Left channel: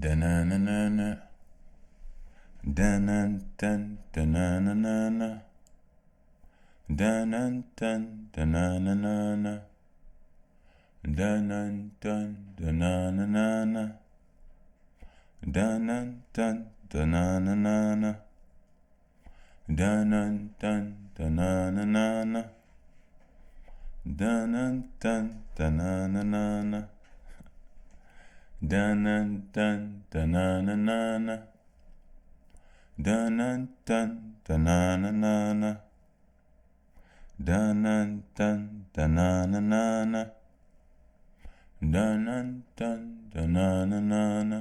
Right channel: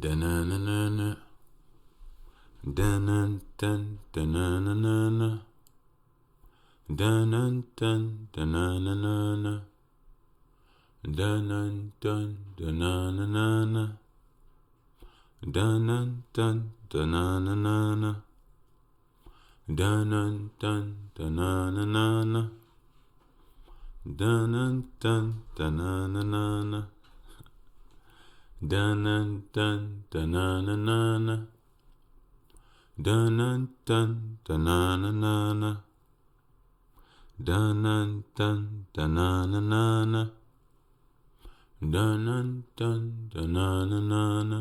Da-na-na-na-na. Da-na-dun, da-na-na-na-na. Da-na-dun, da-na-na-na-na. Da-na-dun, da-na-na-na-na. Da-na-dun, da-na-na-na-na. Da-na-dun, da-na-na-na-na. Da-na-dun, da-na-na-na-na. Dun-dun-dun, da-na-na-na-na. Dun-dun-dun, da-na-na-na-na. Dun-dun-dun, da-na-na-na-na. Dun-dun-dun, da-na-na-na-na.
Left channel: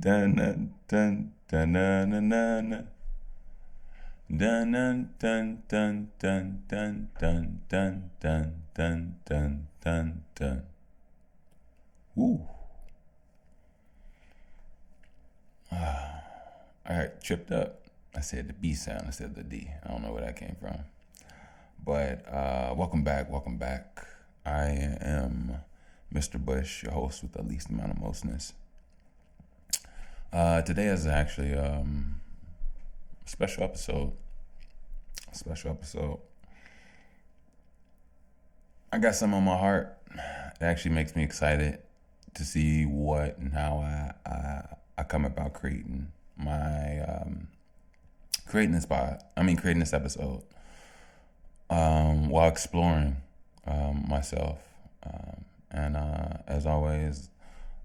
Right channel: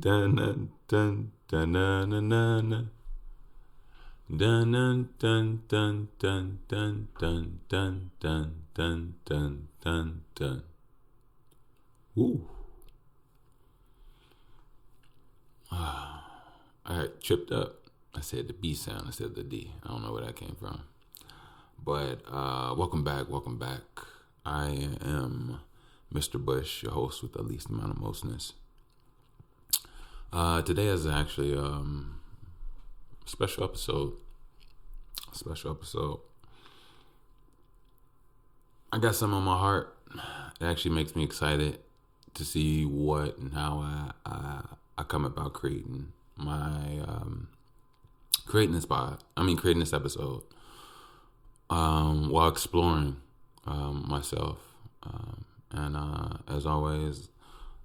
Dun-dun-dun, da-na-na-na-na. Dun-dun-dun-dun-dun-dun-dun-dun-dun-dun-dun. Woo. I got tripped up. I said the B sound instead of the D. I don't know where that came from. But welcome back. I am Mr. Bush, your host with the least amount of mostness. Today is actually a special episode. I got something on my heart that actually makes me excited to see what and how I come about creating this episode while exploring myself. And as always,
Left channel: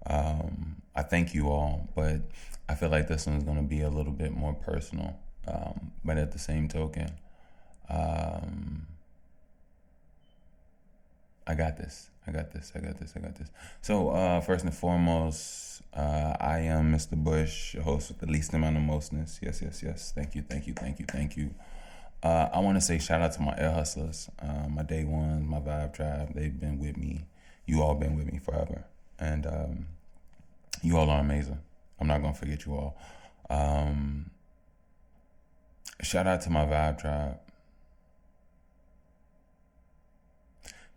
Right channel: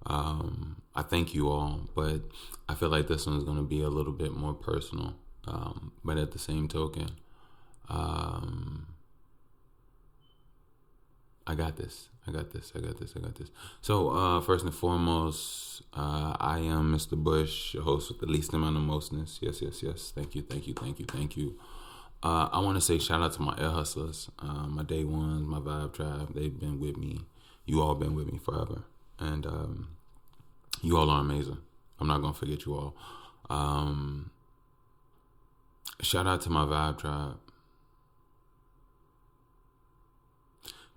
I thank you all, but I feel like this one is going to be a little bit more personal. But at the same token, I got this. So first and foremost, I am Mr. Bush, your host with the least amount of mostness. Yes. Thank you. I want to say shout out to my air hustlers, my day ones, my vibe tribe. They've been with me. You all been with me forever, and you all are amazing. I'm not gonna forget you all. Shout out to my vibe tribe.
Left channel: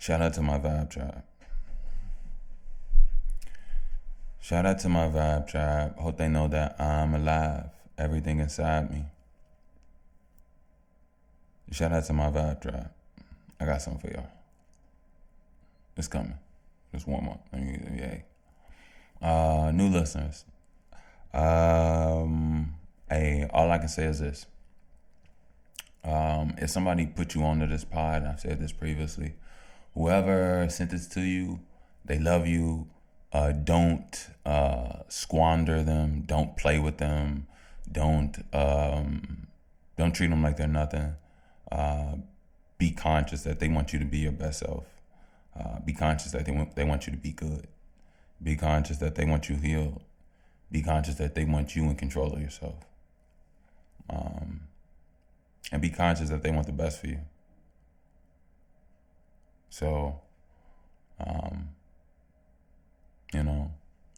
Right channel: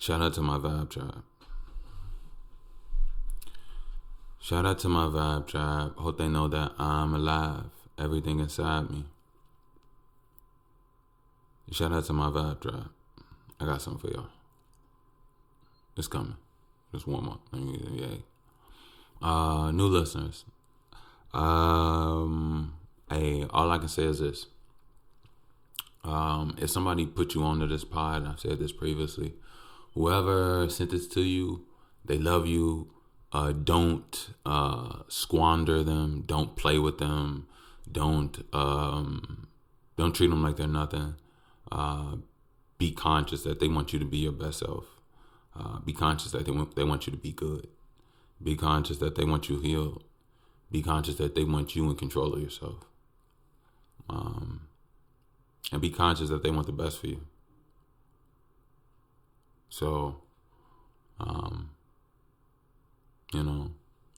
Shout out to my vibe tribe. Hope they know that I'm alive. Everything inside me. Shout out to my vibe tribe. I got something for y'all. It's coming. Just warm up. Yay. New listeners. All I can say is this. If somebody put you onto this pod, I've said this previously, whoever sent this to you, they love you. Don't squander them. Don't play with them. Don't treat them like they're nothing. Be conscious that they want you to be your best self. Be conscious that they want you to be good. Be conscious that they want you healed. Be conscious that they want you in control of yourself. And be conscious that they want the best for you. So,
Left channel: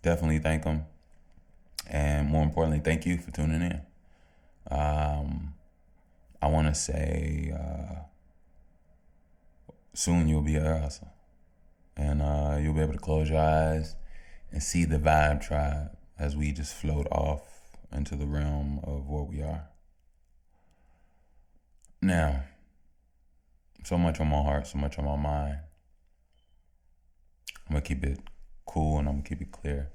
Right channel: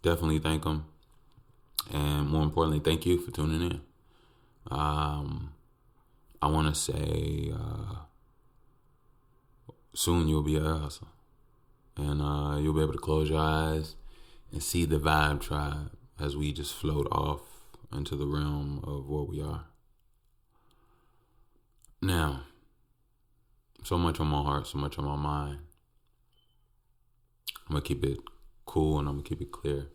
definitely thank them. And more importantly, thank you for tuning in. I want to say soon you'll be an air hustler. And you'll be able to close your eyes and see the vibe tribe as we just float off into the realm of what we are. Now, so much on my heart, so much on my mind. I'm going to keep it cool and I'm going to keep it clear.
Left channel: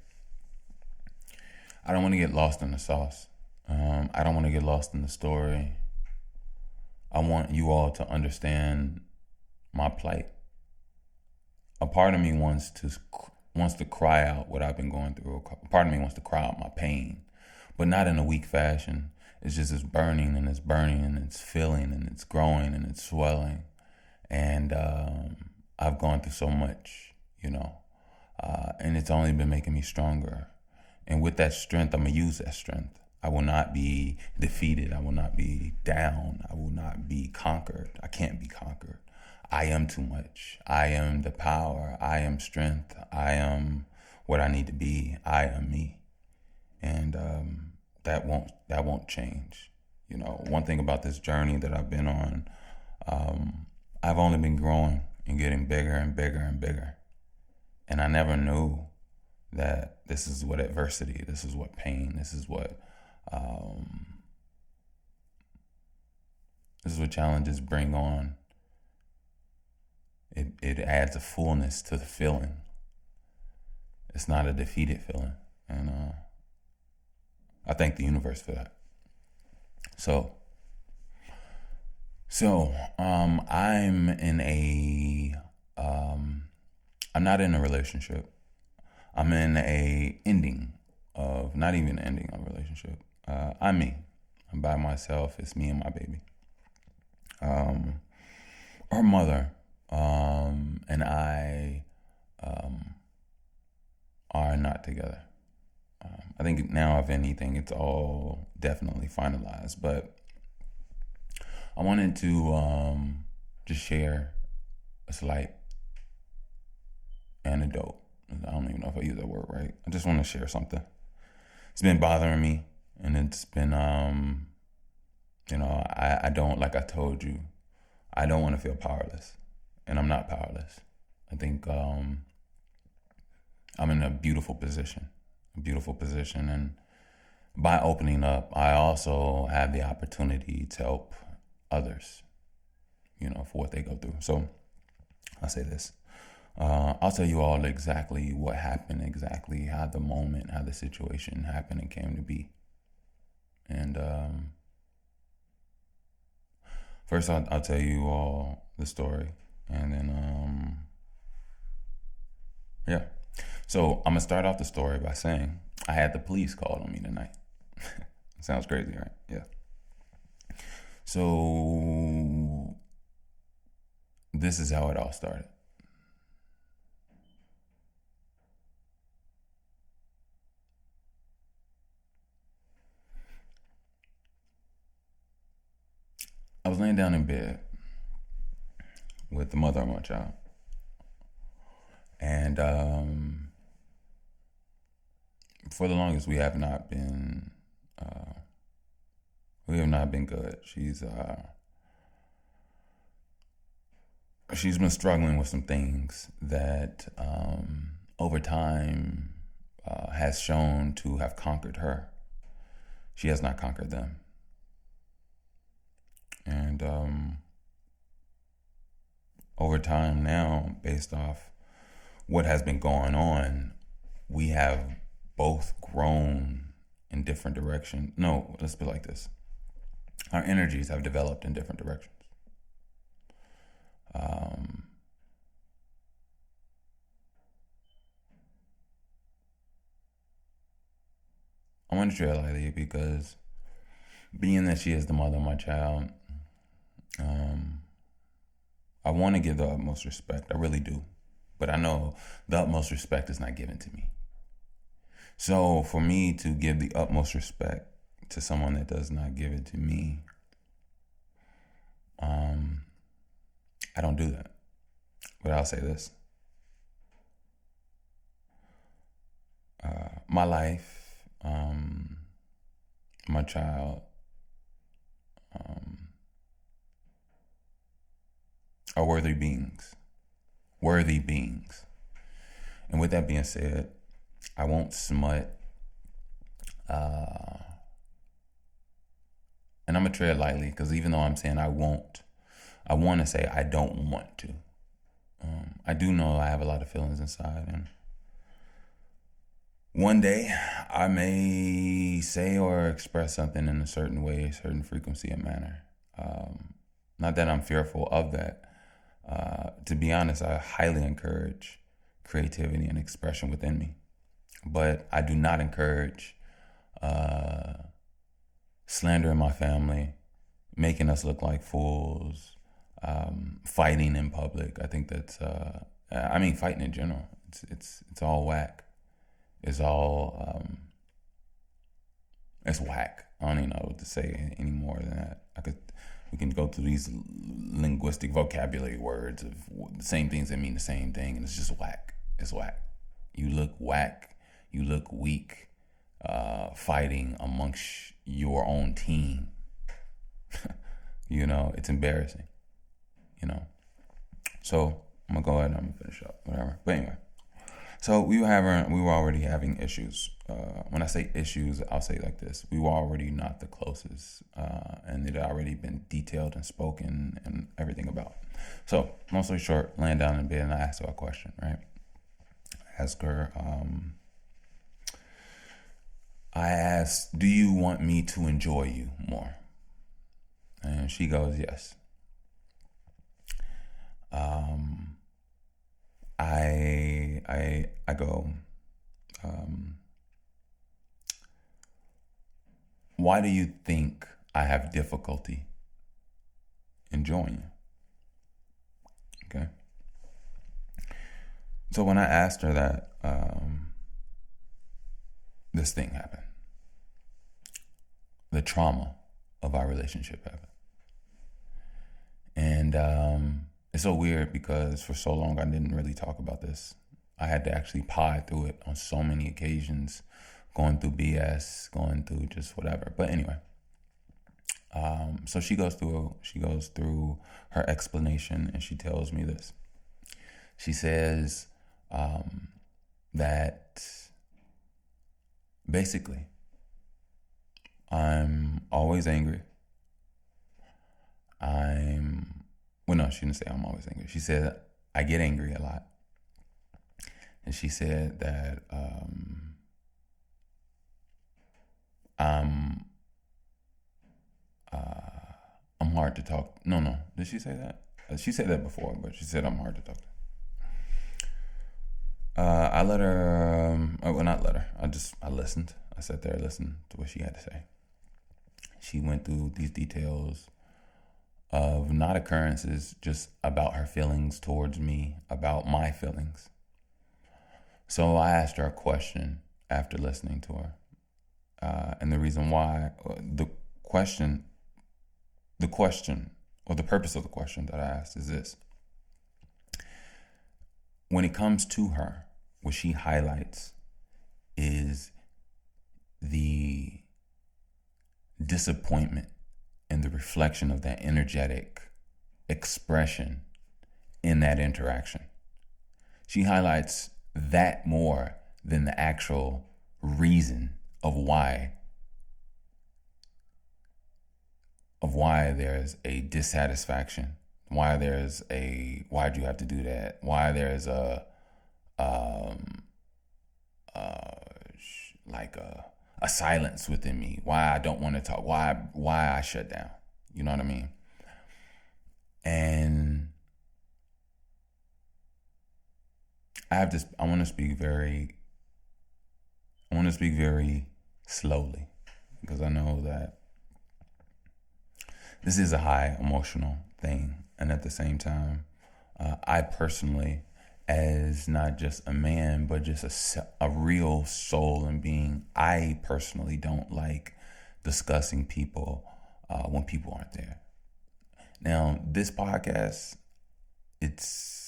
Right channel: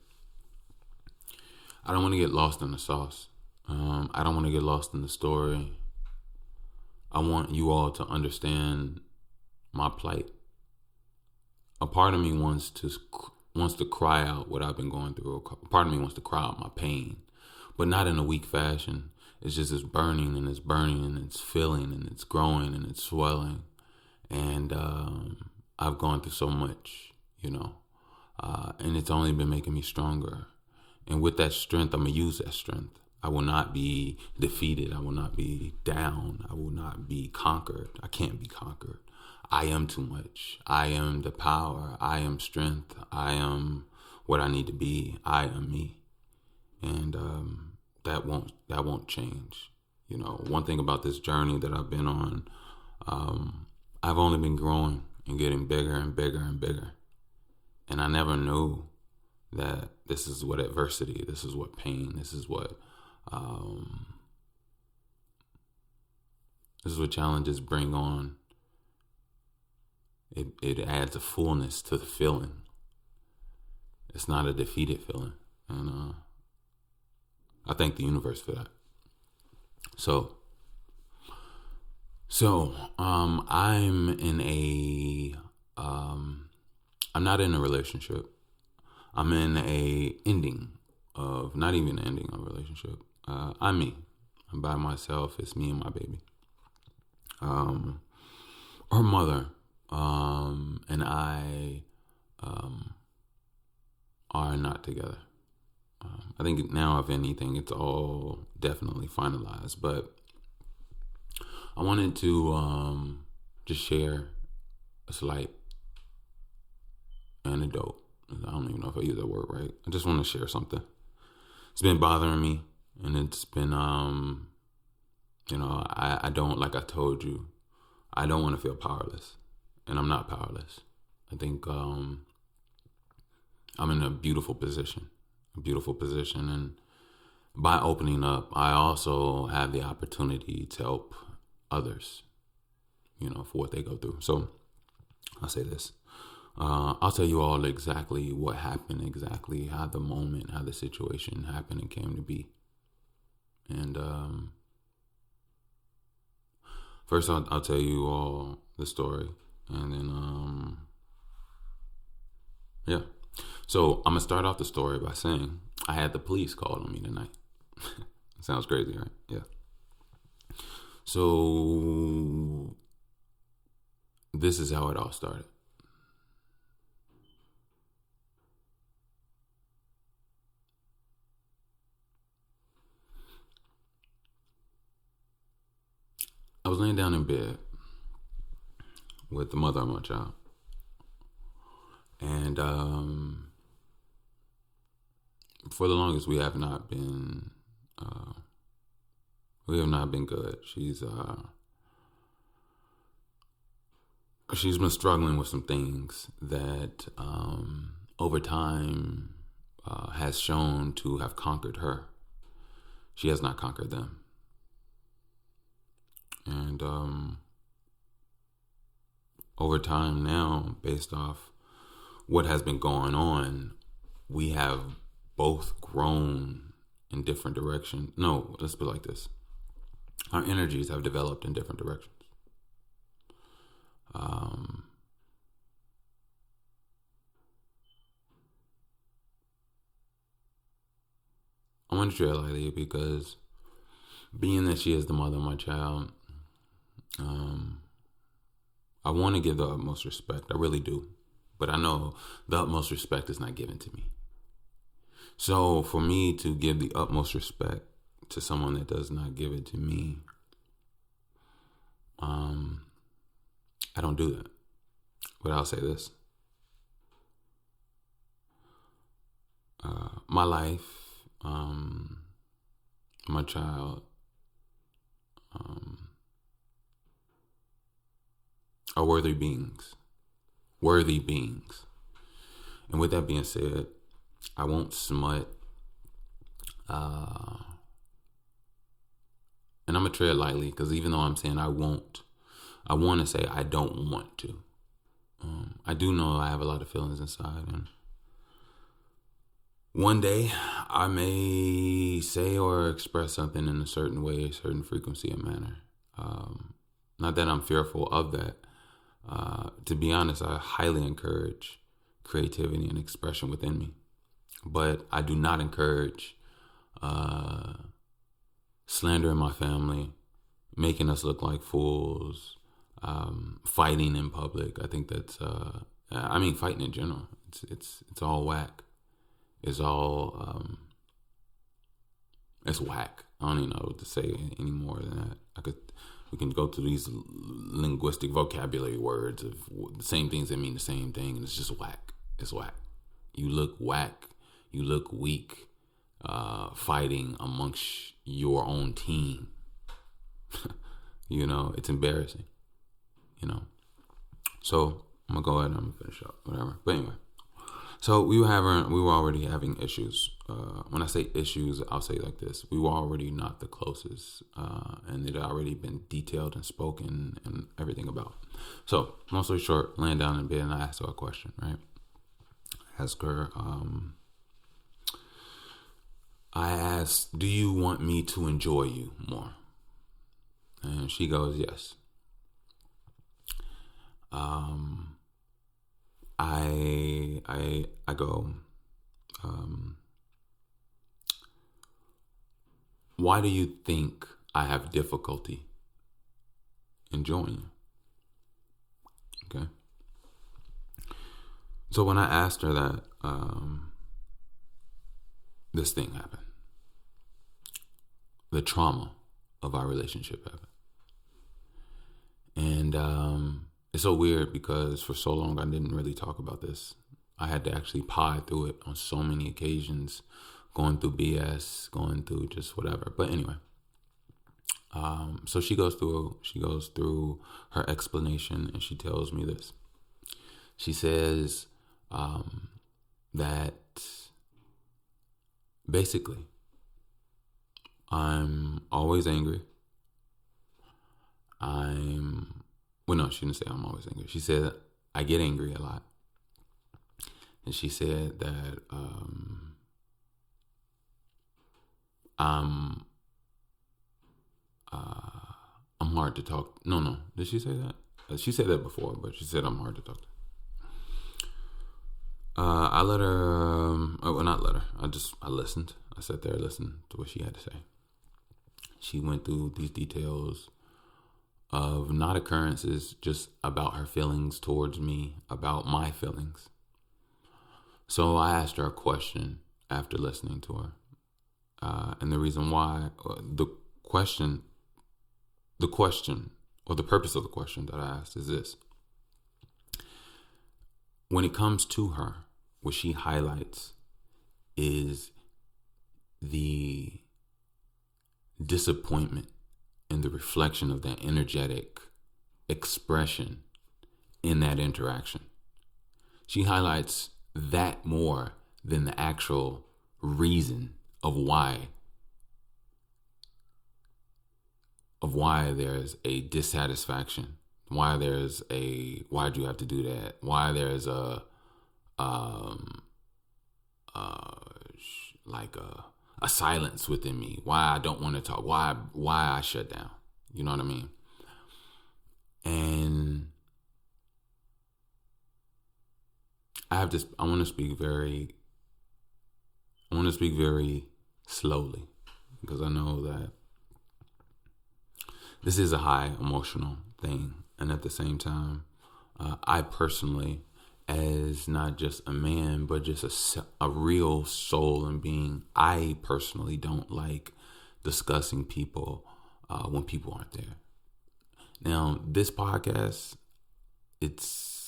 I don't want to get lost in the sauce. I don't want to get lost in the story. I want you all to understand my plight. A part of me wants to cry out what I've been going through. A part of me wants to cry out my pain, but not in a weak fashion. It's just it's burning and it's filling and it's growing and it's swelling. And I've gone through so much, and it's only been making me stronger. And with that strength, I'm going to use that strength. I will not be defeated. I will not be down. I will not be conquered. I can't be conquered. I am too much. I am the power. I am strength. I am what I need to be. I am me. And that won't change. One thing about this journey that I've been on, I've only been growing and getting bigger and bigger and bigger. And I never knew that this is what adversity, this is what pain, um, this is what challenges bring on. It adds a fullness to the feeling. It's not a defeated feeling. And I thank the universe for that. I'm in I'm not in a relationship. I'm in a ending of, not even an ending of a relationship. I'm me. I'm by myself. It's me and my baby. Her mother and I are not together. I think now, if anything, it's all definitely finalized. But I wanted to just share a slight anecdote. I don't even know if I use that word right. I just want to share something. It's been bothering me, and it's been, I don't, like I told you, I don't want to feel powerless, and I'm not powerless. I think I'm in a beautiful position, and by opening up, I also have the opportunity to help others, for what they go through. So I'll say this. I'll tell you all exactly what happened, exactly how the situation happened and came to be. And first, I'll tell you all the story, and then yeah. So I'm gonna start off the story by saying I had the police called on me tonight. Sounds crazy, right? Yeah. So this is how it all started. I was laying down in bed with the mother of my child, and for the longest we have not been good. She's been struggling with some things that over time has shown to have conquered her. She has not conquered them. And over time now, based off what has been going on, we have both grown in different directions. No, let's put it like this. Our energies have developed in different directions. I want to treat her lightly because being that she is the mother of my child, I want to give the utmost respect. I really do. But I know the utmost respect is not given to me. So for me to give the utmost respect to someone that does not give it to me, I don't do that. But I'll say this. My life, my child, are worthy beings. Worthy beings. And with that being said, I won't smut. And I'm going to tread lightly because even though I'm saying I won't, I want to say I don't want to. I do know I have a lot of feelings inside, and one day I may say or express something in a certain way, a certain frequency and manner. Not that I'm fearful of that. To be honest, I highly encourage creativity and expression within me. But I do not encourage slandering my family, making us look like fools, fighting in public. I think that's, fighting in general. It's all whack. It's all, it's whack. I don't even know what to say any more than that. We can go through these linguistic vocabulary words of the same things that mean the same thing, and it's just whack. It's whack. You look whack. You look weak, fighting amongst your own team. It's embarrassing. So I'm gonna go ahead and I'm gonna finish up, whatever. But anyway, So we were already having issues. When I say issues, I'll say it like this: we were already not the closest, and it had already been detailed and spoken and everything about. So, long story short, laying down in bed, and I asked her a question. Right? Ask her. I asked, "Do you want me to enjoy you more?" And she goes, "Yes." I go, why do you think I have difficulty enjoying you? Okay. So when I asked her that, this thing happened. The trauma of our relationship happened. And it's so weird because for so long I didn't really talk about this. I had to actually pod through it on so many occasions, going through BS, going through just whatever. But anyway, so she goes through her explanation, and she tells me this. She says that basically I'm always angry. No, she didn't say I'm always angry. She said I get angry a lot. And she said that I'm hard to talk. No. Did she say that? She said that before, but she said I'm hard to talk to. I let her. Well, not let her. I listened. I sat there, listened to what she had to say. She went through these details of not occurrences, just about her feelings towards me, about my feelings. So I asked her a question after listening to her. And the reason why, the purpose of the question that I asked is this. When it comes to her, what she highlights is the disappointment and the reflection of that energetic expression in that interaction. She highlights that more than the actual reason of why there's a dissatisfaction, why'd you have to do that, why there's a silence within me, why I don't want to talk, why I shut down. You know what I mean? And I want to speak very slowly, because I know that this is a high emotional thing. And at the same time, I personally, as not just a man, but just a real soul and being, I personally don't like discussing people when people aren't there. Now, this podcast, it's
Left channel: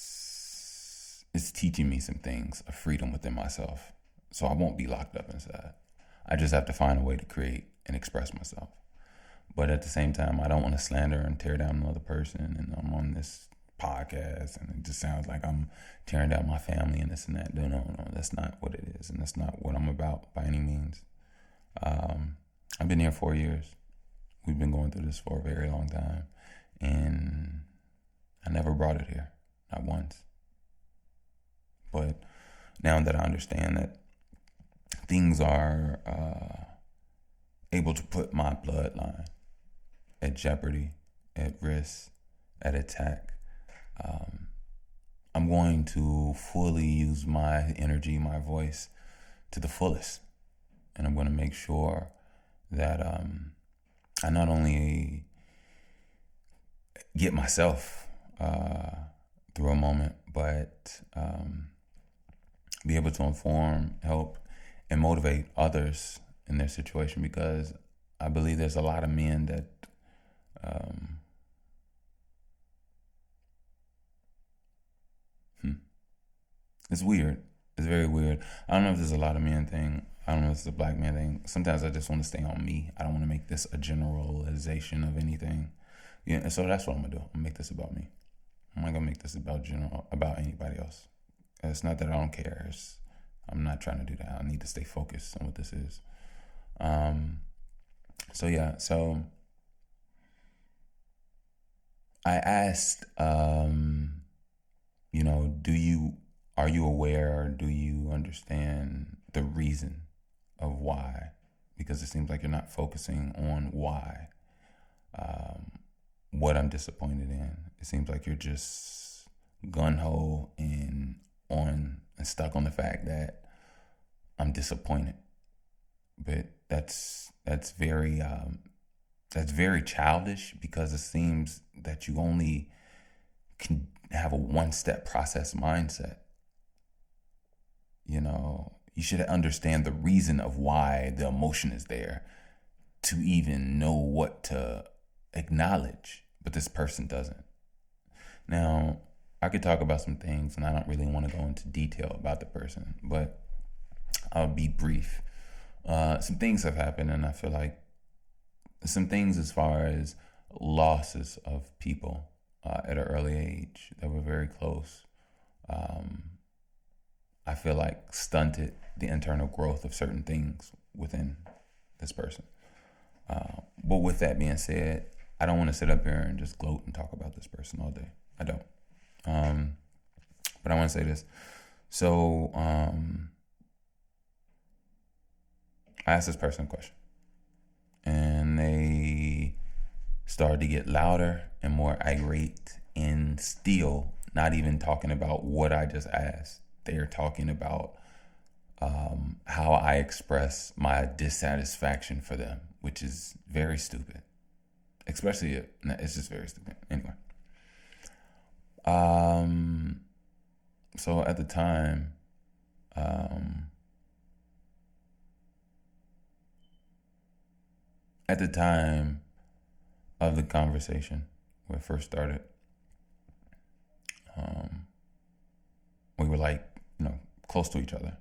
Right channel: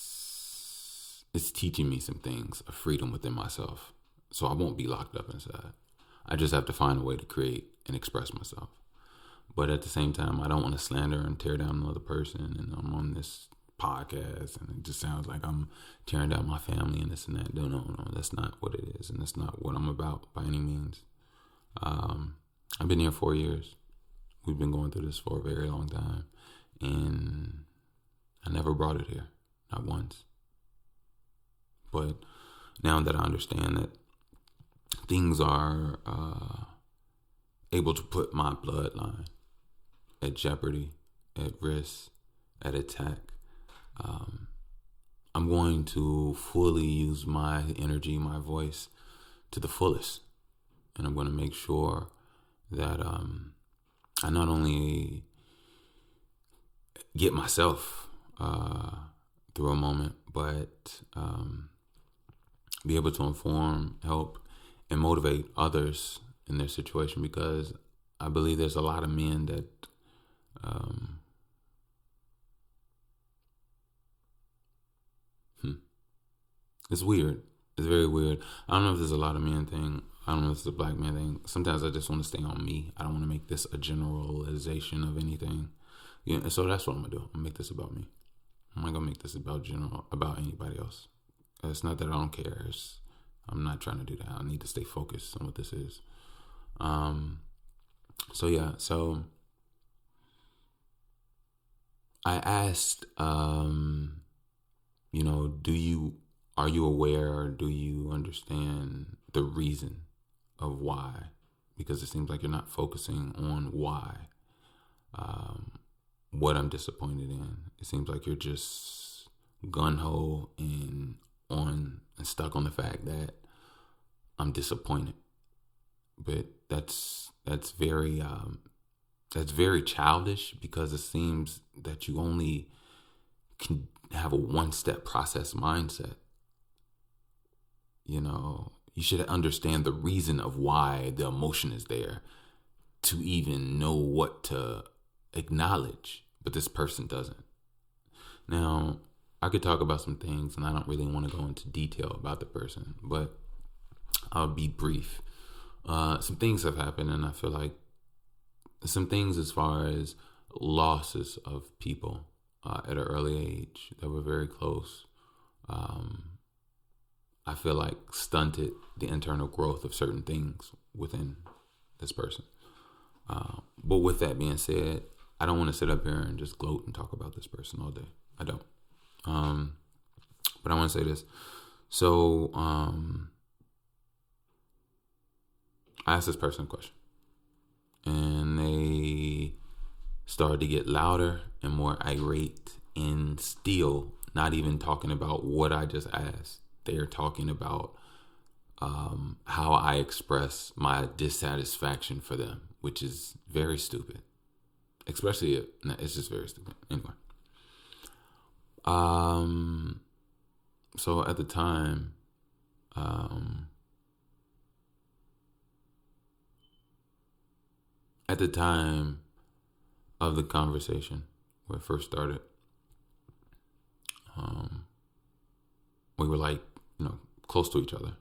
teaching me some things of freedom within myself. So I won't be locked up inside. I just have to find a way to create and express myself. But at the same time, I don't want to slander and tear down another person. And I'm on this podcast, and it just sounds like I'm tearing down my family and this and that. No, that's not what it is, and that's not what I'm about by any means. I've been here 4 years. We've been going through this for a very long time, and I never brought it here, not once. But now that I understand that things are able to put my bloodline at jeopardy, at risk, at attack, I'm going to fully use my energy, my voice to the fullest. And I'm going to make sure that I not only get myself through a moment, but be able to inform, help, and motivate others in their situation, because I believe there's a lot of men that it's weird. It's very weird. I don't know if there's a lot of men thing. I don't know if it's a black man thing. Sometimes I just want to stay on me. I don't want to make this a generalization of anything. Yeah, and so that's what I'm gonna do. I'm gonna make this about me. I'm not gonna make this about anybody else. It's not that I don't care. I'm not trying to do that. I need to stay focused on what this is. So I asked, are you aware or do you understand the reason of why? Because it seems like you're not focusing on why. What I'm disappointed in. It seems like you're just gun ho and stuck on the fact that I'm disappointed. But that's very childish, because it seems that you only can have a one-step process mindset. You should understand the reason of why the emotion is there to even know what to acknowledge, but this person doesn't. Now, I could talk about some things, and I don't really want to go into detail about the person, but I'll be brief. Some things have happened, and I feel like some things as far as losses of people at an early age that were very close, I feel like stunted the internal growth of certain things within this person. But with that being said, I don't want to sit up here and just gloat and talk about this person all day. I don't. But I want to say this. So I asked this person a question, and they started to get louder and more irate, and still not even talking about what I just asked. They are talking about how I express my dissatisfaction for them, which is very stupid. Especially, it's just very stupid. Anyway. So at the time, of the conversation where it first started, we were like, close to each other.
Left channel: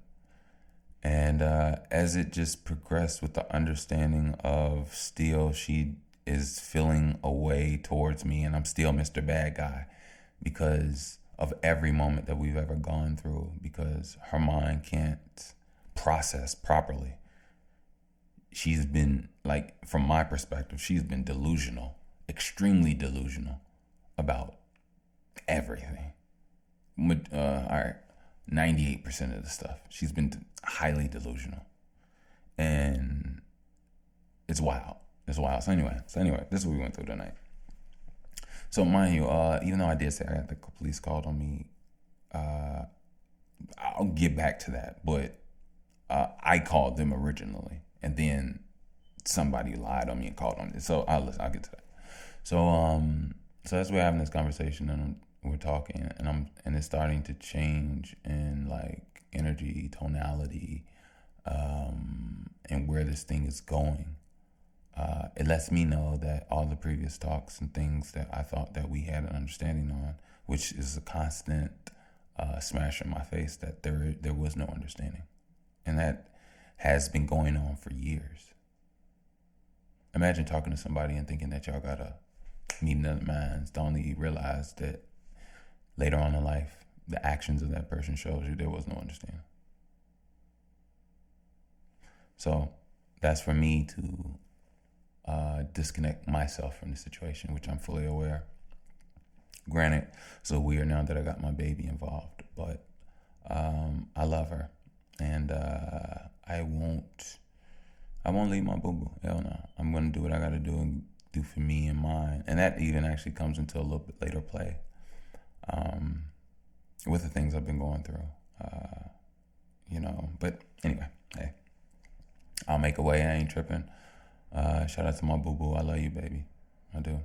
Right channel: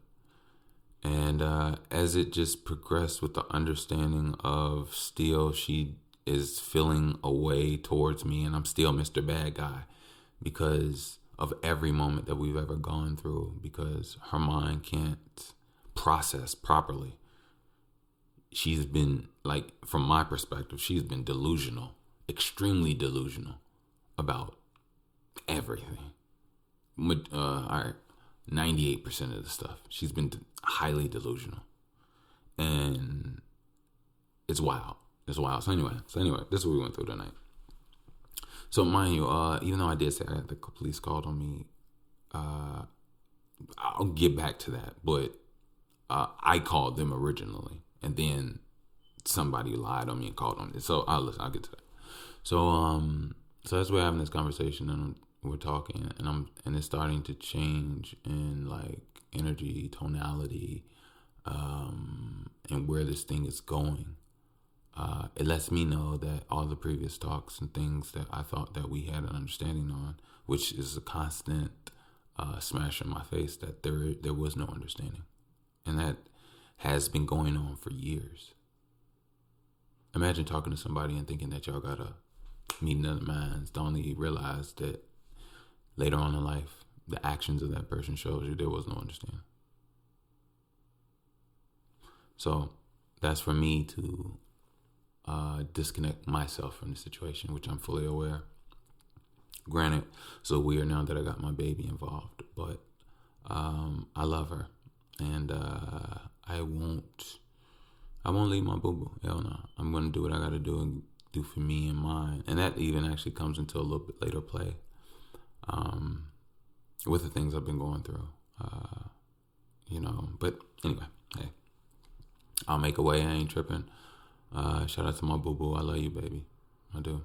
And as it just progressed with the understanding of still she is feeling a way towards me, and I'm still Mr. Bad Guy because of every moment that we've ever gone through, because her mind can't process properly. She's been, like, from my perspective, she's been delusional, extremely delusional about everything. All right, 98% of the stuff. She's been highly delusional. And it's wild. It's wild. So anyway, this is what we went through tonight. So mind you, even though I did say I had the police called on me, I'll get back to that. But I called them originally, and then somebody lied on me and called on me. So I'll get to that. So as we're having this conversation and we're talking, and it's starting to change in like energy, tonality, and where this thing is going. It lets me know that all the previous talks and things that I thought that we had an understanding on, which is a constant smash in my face, that there was no understanding. And that has been going on for years. Imagine talking to somebody and thinking that y'all got a meeting of the minds, to only realize that later on in life, the actions of that person shows you there was no understanding. So that's for me to disconnect myself from the situation, which I'm fully aware. Granted, so weird now that I got my baby involved, but I love her, and I won't leave my boo-boo. Hell no. I'm gonna do what I gotta do and do for me and mine, and that even actually comes into a little bit later play, with the things I've been going through, But anyway, hey, I'll make a way. I ain't tripping. Shout out to my boo-boo. I love you, baby. I do.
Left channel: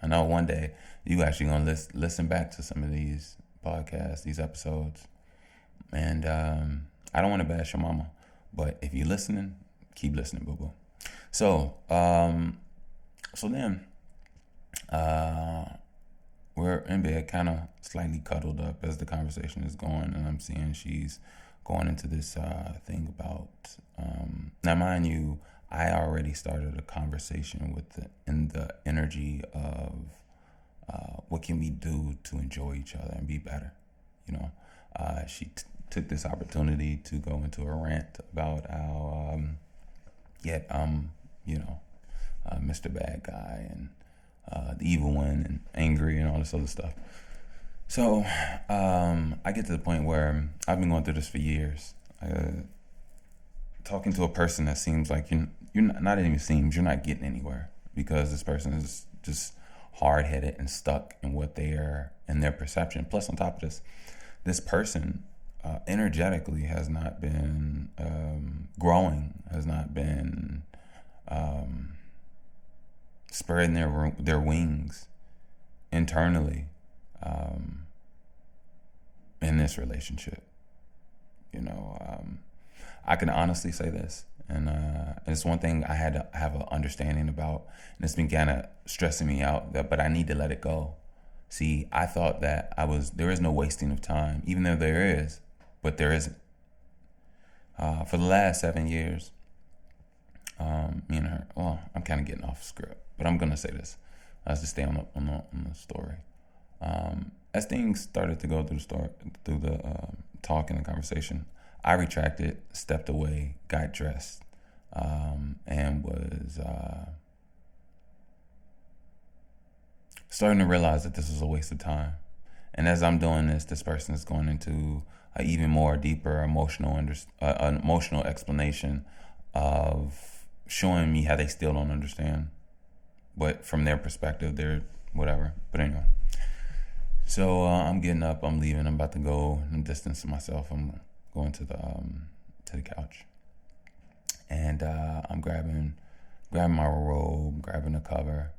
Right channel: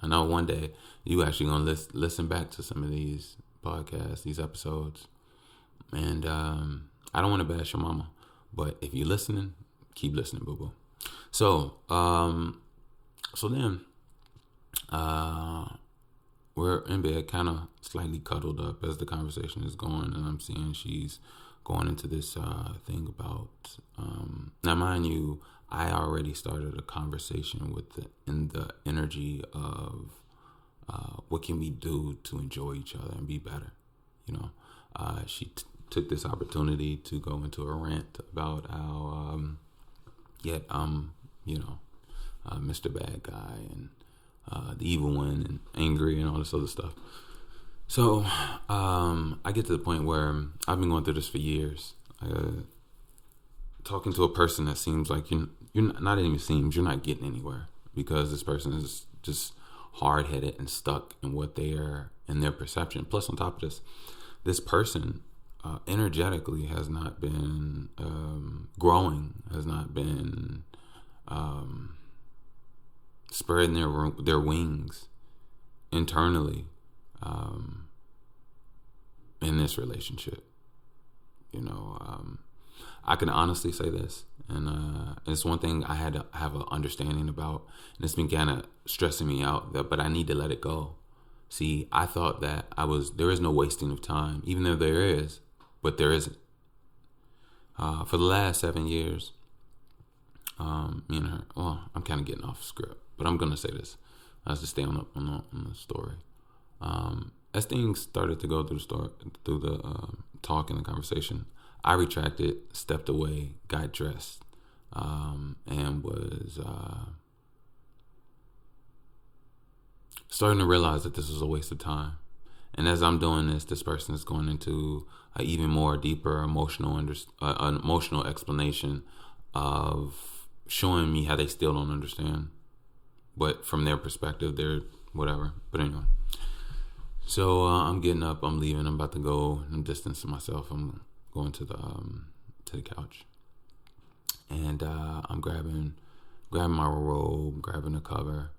I know one day you actually gonna listen back to some of these podcasts, these episodes, and I don't want to bash your mama, but if you're listening, keep listening, boo-boo. So then we're in bed, kind of slightly cuddled up as the conversation is going, and I'm seeing she's going into this thing about now, mind you, I already started a conversation in the energy of what can we do to enjoy each other and be better. She took this opportunity to go into a rant about how, Mr. Bad Guy and the evil one and angry and all this other stuff. So I get to the point where I've been going through this for years. Talking to a person that seems like you're not even seems you're not getting anywhere because this person is just hard-headed and stuck in what they are in their perception. Plus, on top of this person energetically has not been growing, has not been spreading their wings internally in this relationship. I can honestly say this, and it's one thing I had to have an understanding about, and it's been kind of stressing me out. But I need to let it go. See, I thought that there is no wasting of time, even though there is, but there isn't. For the last 7 years, me and her. Well, I'm kind of getting off script, but I'm gonna say this. I was to stay on the story. As things started to go through the talk and the conversation, I retracted, stepped away, got dressed, and was starting to realize that this was a waste of time. And as I'm doing this person is going into an even more deeper emotional explanation of showing me how they still don't understand, but from their perspective, they're whatever. But anyway, so I'm getting up, I'm leaving, I'm about to go, I'm distancing myself, I'm going to the couch, and I'm grabbing my robe, grabbing the cover,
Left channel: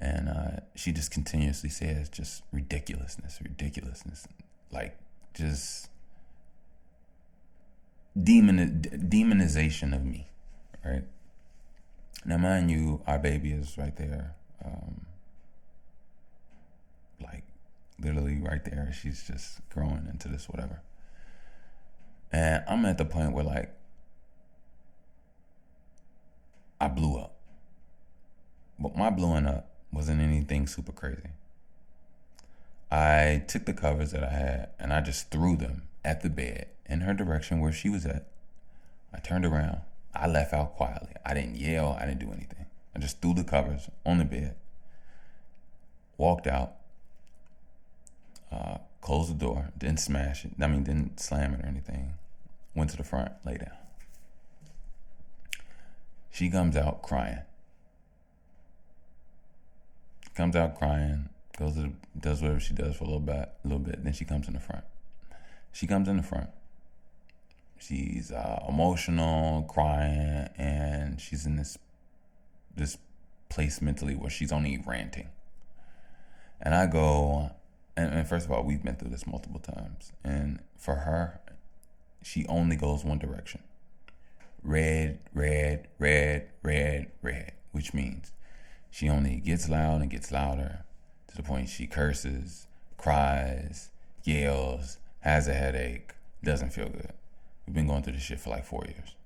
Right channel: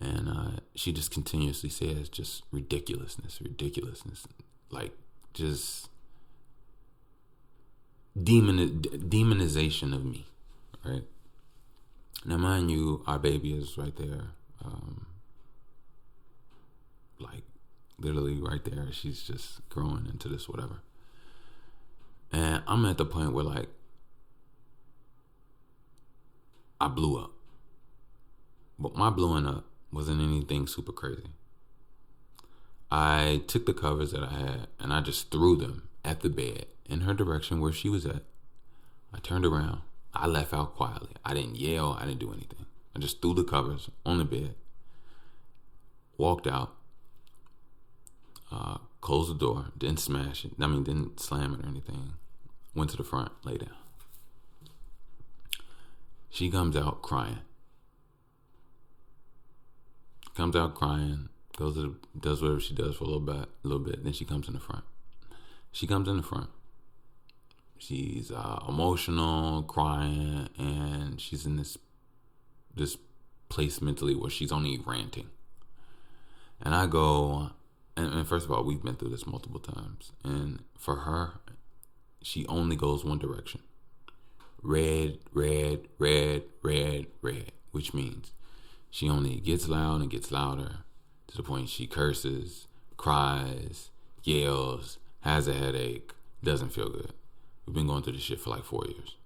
and she just continuously says just ridiculousness, like just demonization of me, right? Now, mind you, our baby is right there, like literally right there. She's just growing into this whatever. And I'm at the point where, like, I blew up. But my blowing up wasn't anything super crazy. I took the covers that I had and I just threw them at the bed in her direction where she was at. I turned around. I left out quietly. I didn't yell. I didn't do anything. I just threw the covers on the bed, walked out, closed the door, didn't smash it. Didn't slam it or anything. Went to the front, lay down. She comes out crying. Does whatever she does for a little bit. Then she comes in the front. She's emotional, crying, and she's in this place mentally where she's only ranting. And I go, and first of all, we've been through this multiple times, and for her, she only goes one direction. Red, red, red, red, red, which means she only gets loud and gets louder to the point she curses, cries, yells, has a headache, doesn't feel good. We've been going through this shit for like 4 years.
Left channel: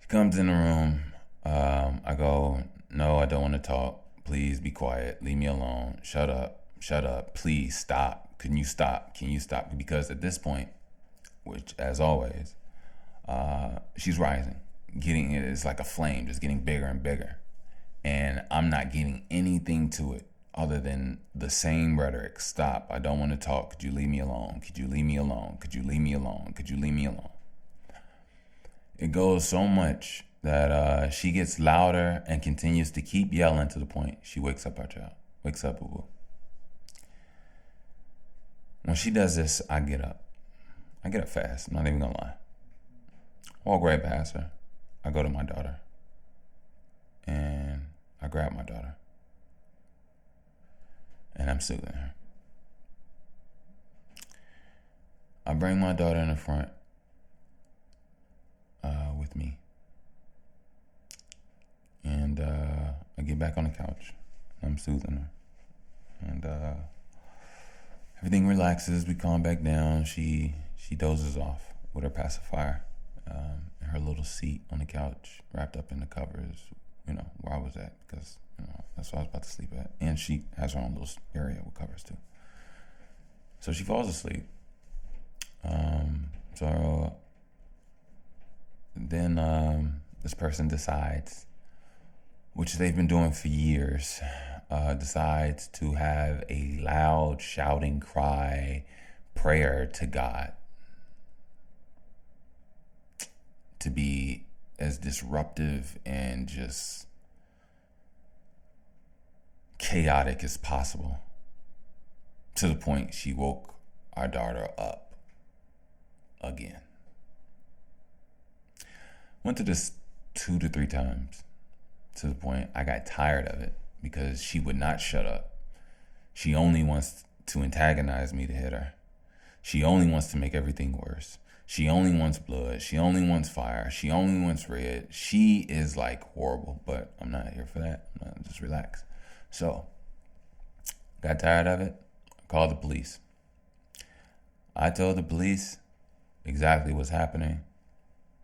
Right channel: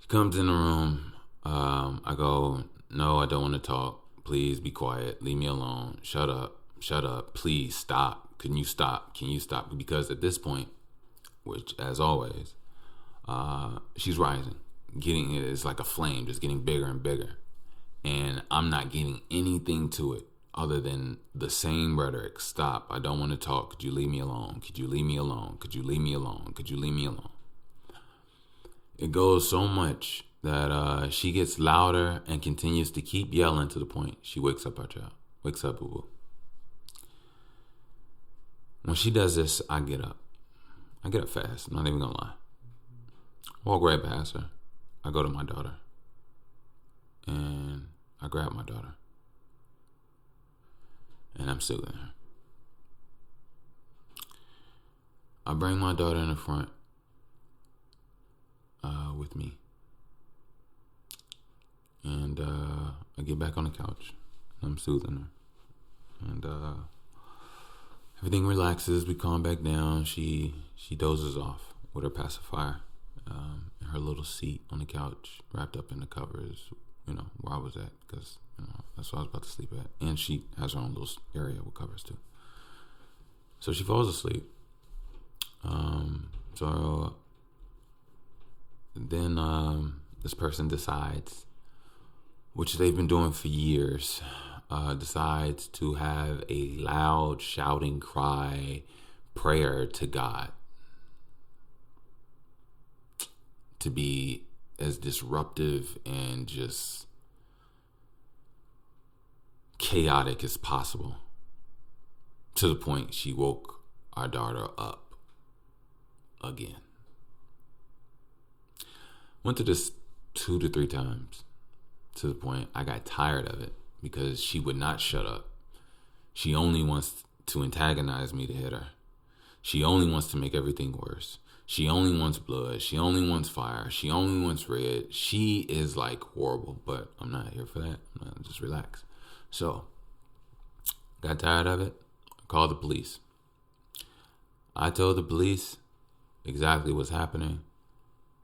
She comes in the room. I go, no, I don't want to talk. Please be quiet. Leave me alone. Shut up. Please stop. Can you stop? Because at this point, which as always, she's rising. It's like a flame, just getting bigger and bigger. And I'm not getting anything to it other than the same rhetoric. Stop. I don't want to talk. Could you leave me alone? Could you leave me alone? Could you leave me alone? Could you leave me alone? It goes so much that she gets louder and continues to keep yelling to the point she wakes up our child. Wakes up Boo Boo. When she does this, I get up. I get up fast. I'm not even going to lie. Walk right past her. I go to my daughter. And I grab my daughter. And I'm soothing her. I bring my daughter in the front with me. And I get back on the couch. And I'm soothing her. And everything relaxes. We calm back down. She dozes off with her pacifier in her little seat on the couch, wrapped up in the covers, where I was at, because that's what I was about to sleep at. And she has her own little area with covers too. So she falls asleep. So then this person decides, which they've been doing for years, decides to have a loud shouting cry prayer to God to be as disruptive and just chaotic as possible, to the point she woke our daughter up again. Went to this 2 to 3 times, to the point I got tired of it because she would not shut up. She only wants to antagonize me to hit her. She only wants to make everything worse. She only wants blood. She only wants fire. She only wants red. She is like horrible, but I'm not here for that. Just relax. So, got tired of it. Called the police. I told the police exactly what's happening.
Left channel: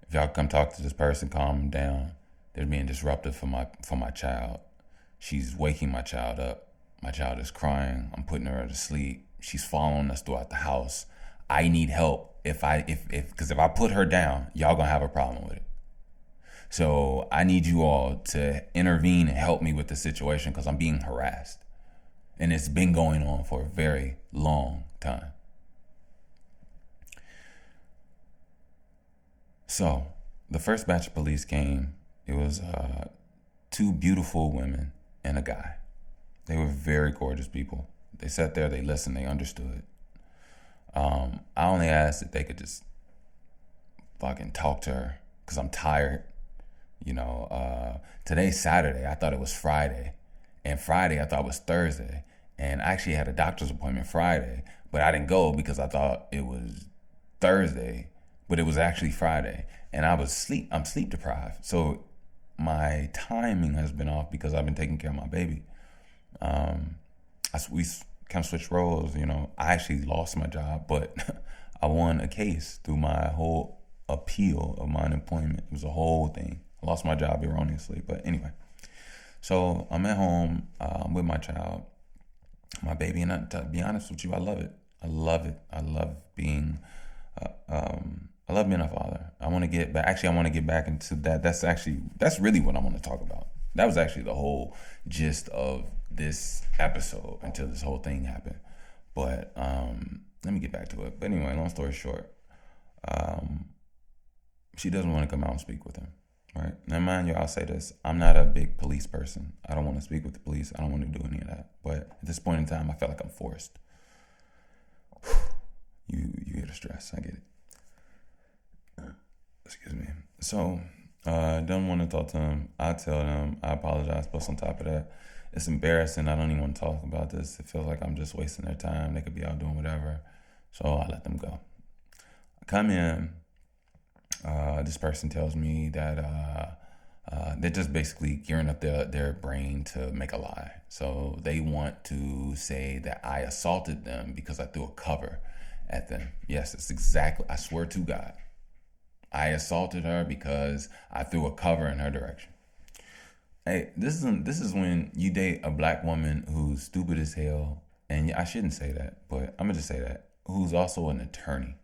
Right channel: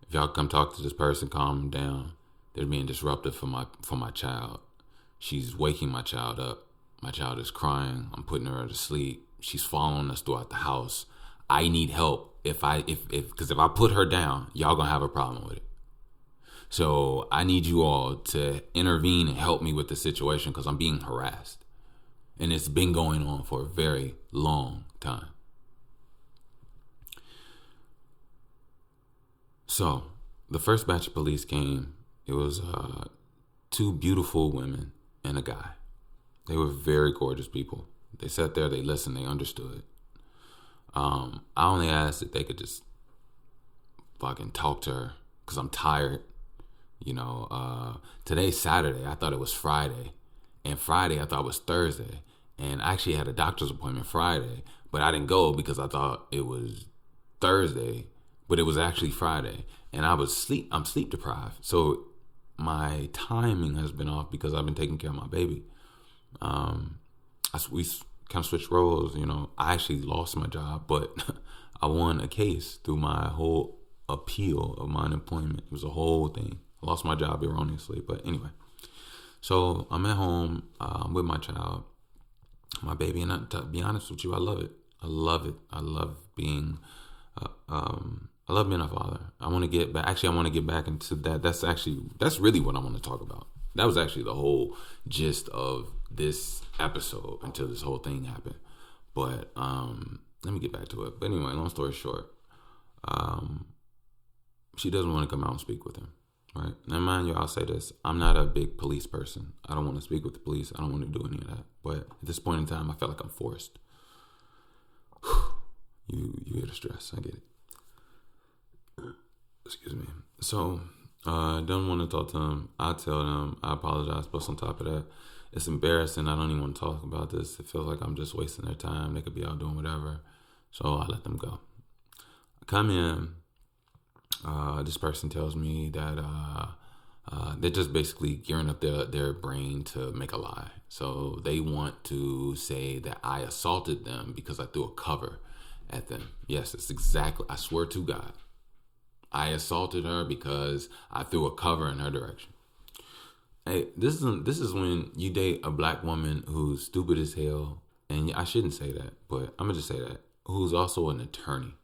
If y'all come talk to this person, calm them down. They're being disruptive for my child. She's waking my child up. My child is crying. I'm putting her to sleep. She's following us throughout the house. I need help. Because if I put her down, y'all gonna have a problem with it. So I need you all to intervene and help me with the situation because I'm being harassed. And it's been going on for a very long time. So the first batch of police came. It was 2 beautiful women and a guy. They were very gorgeous people. They sat there, they listened, they understood. I only asked if they could just fucking talk to her because I'm tired. Today's Saturday. I thought it was Friday. And Friday, I thought it was Thursday. And I actually had a doctor's appointment Friday. But I didn't go because I thought it was Thursday. But it was actually Friday. And I'm sleep deprived. So my timing has been off because I've been taking care of my baby. We kind of switched roles. I actually lost my job, but I won a case through my whole appeal of my unemployment. It was a whole thing. I lost my job erroneously, but anyway. So I'm at home with my child, my baby, and to be honest with you, I love it. I love it. I love being a father. I want to get back. Actually, I want to get back into that. That's really what I want to talk about. That was actually the whole gist of this episode until this whole thing happened. But let me get back to it. But anyway, long story short, she doesn't want to come out and speak with him. Right? Now, mind you, I'll say this. I'm not a big police person. I don't want to speak with the police. I don't want to do any of that. But at this point in time, I felt like I'm forced. You get the stress. I get it. Excuse me. So, don't want to talk to them. I tell them I apologize. Plus, on top of that, it's embarrassing. I don't even want to talk about this. It feels like I'm just wasting their time. They could be out doing whatever. So I let them go. I come in. This person tells me that they're just basically gearing up their brain to make a lie. So they want to say that I assaulted them because I threw a cover at them. Yes, it's exactly. I swear to God, I assaulted her because I threw a cover in her direction. Hey, this is when you date a black woman who's stupid as hell, and I shouldn't say that, but I'm gonna just say that, who's also an attorney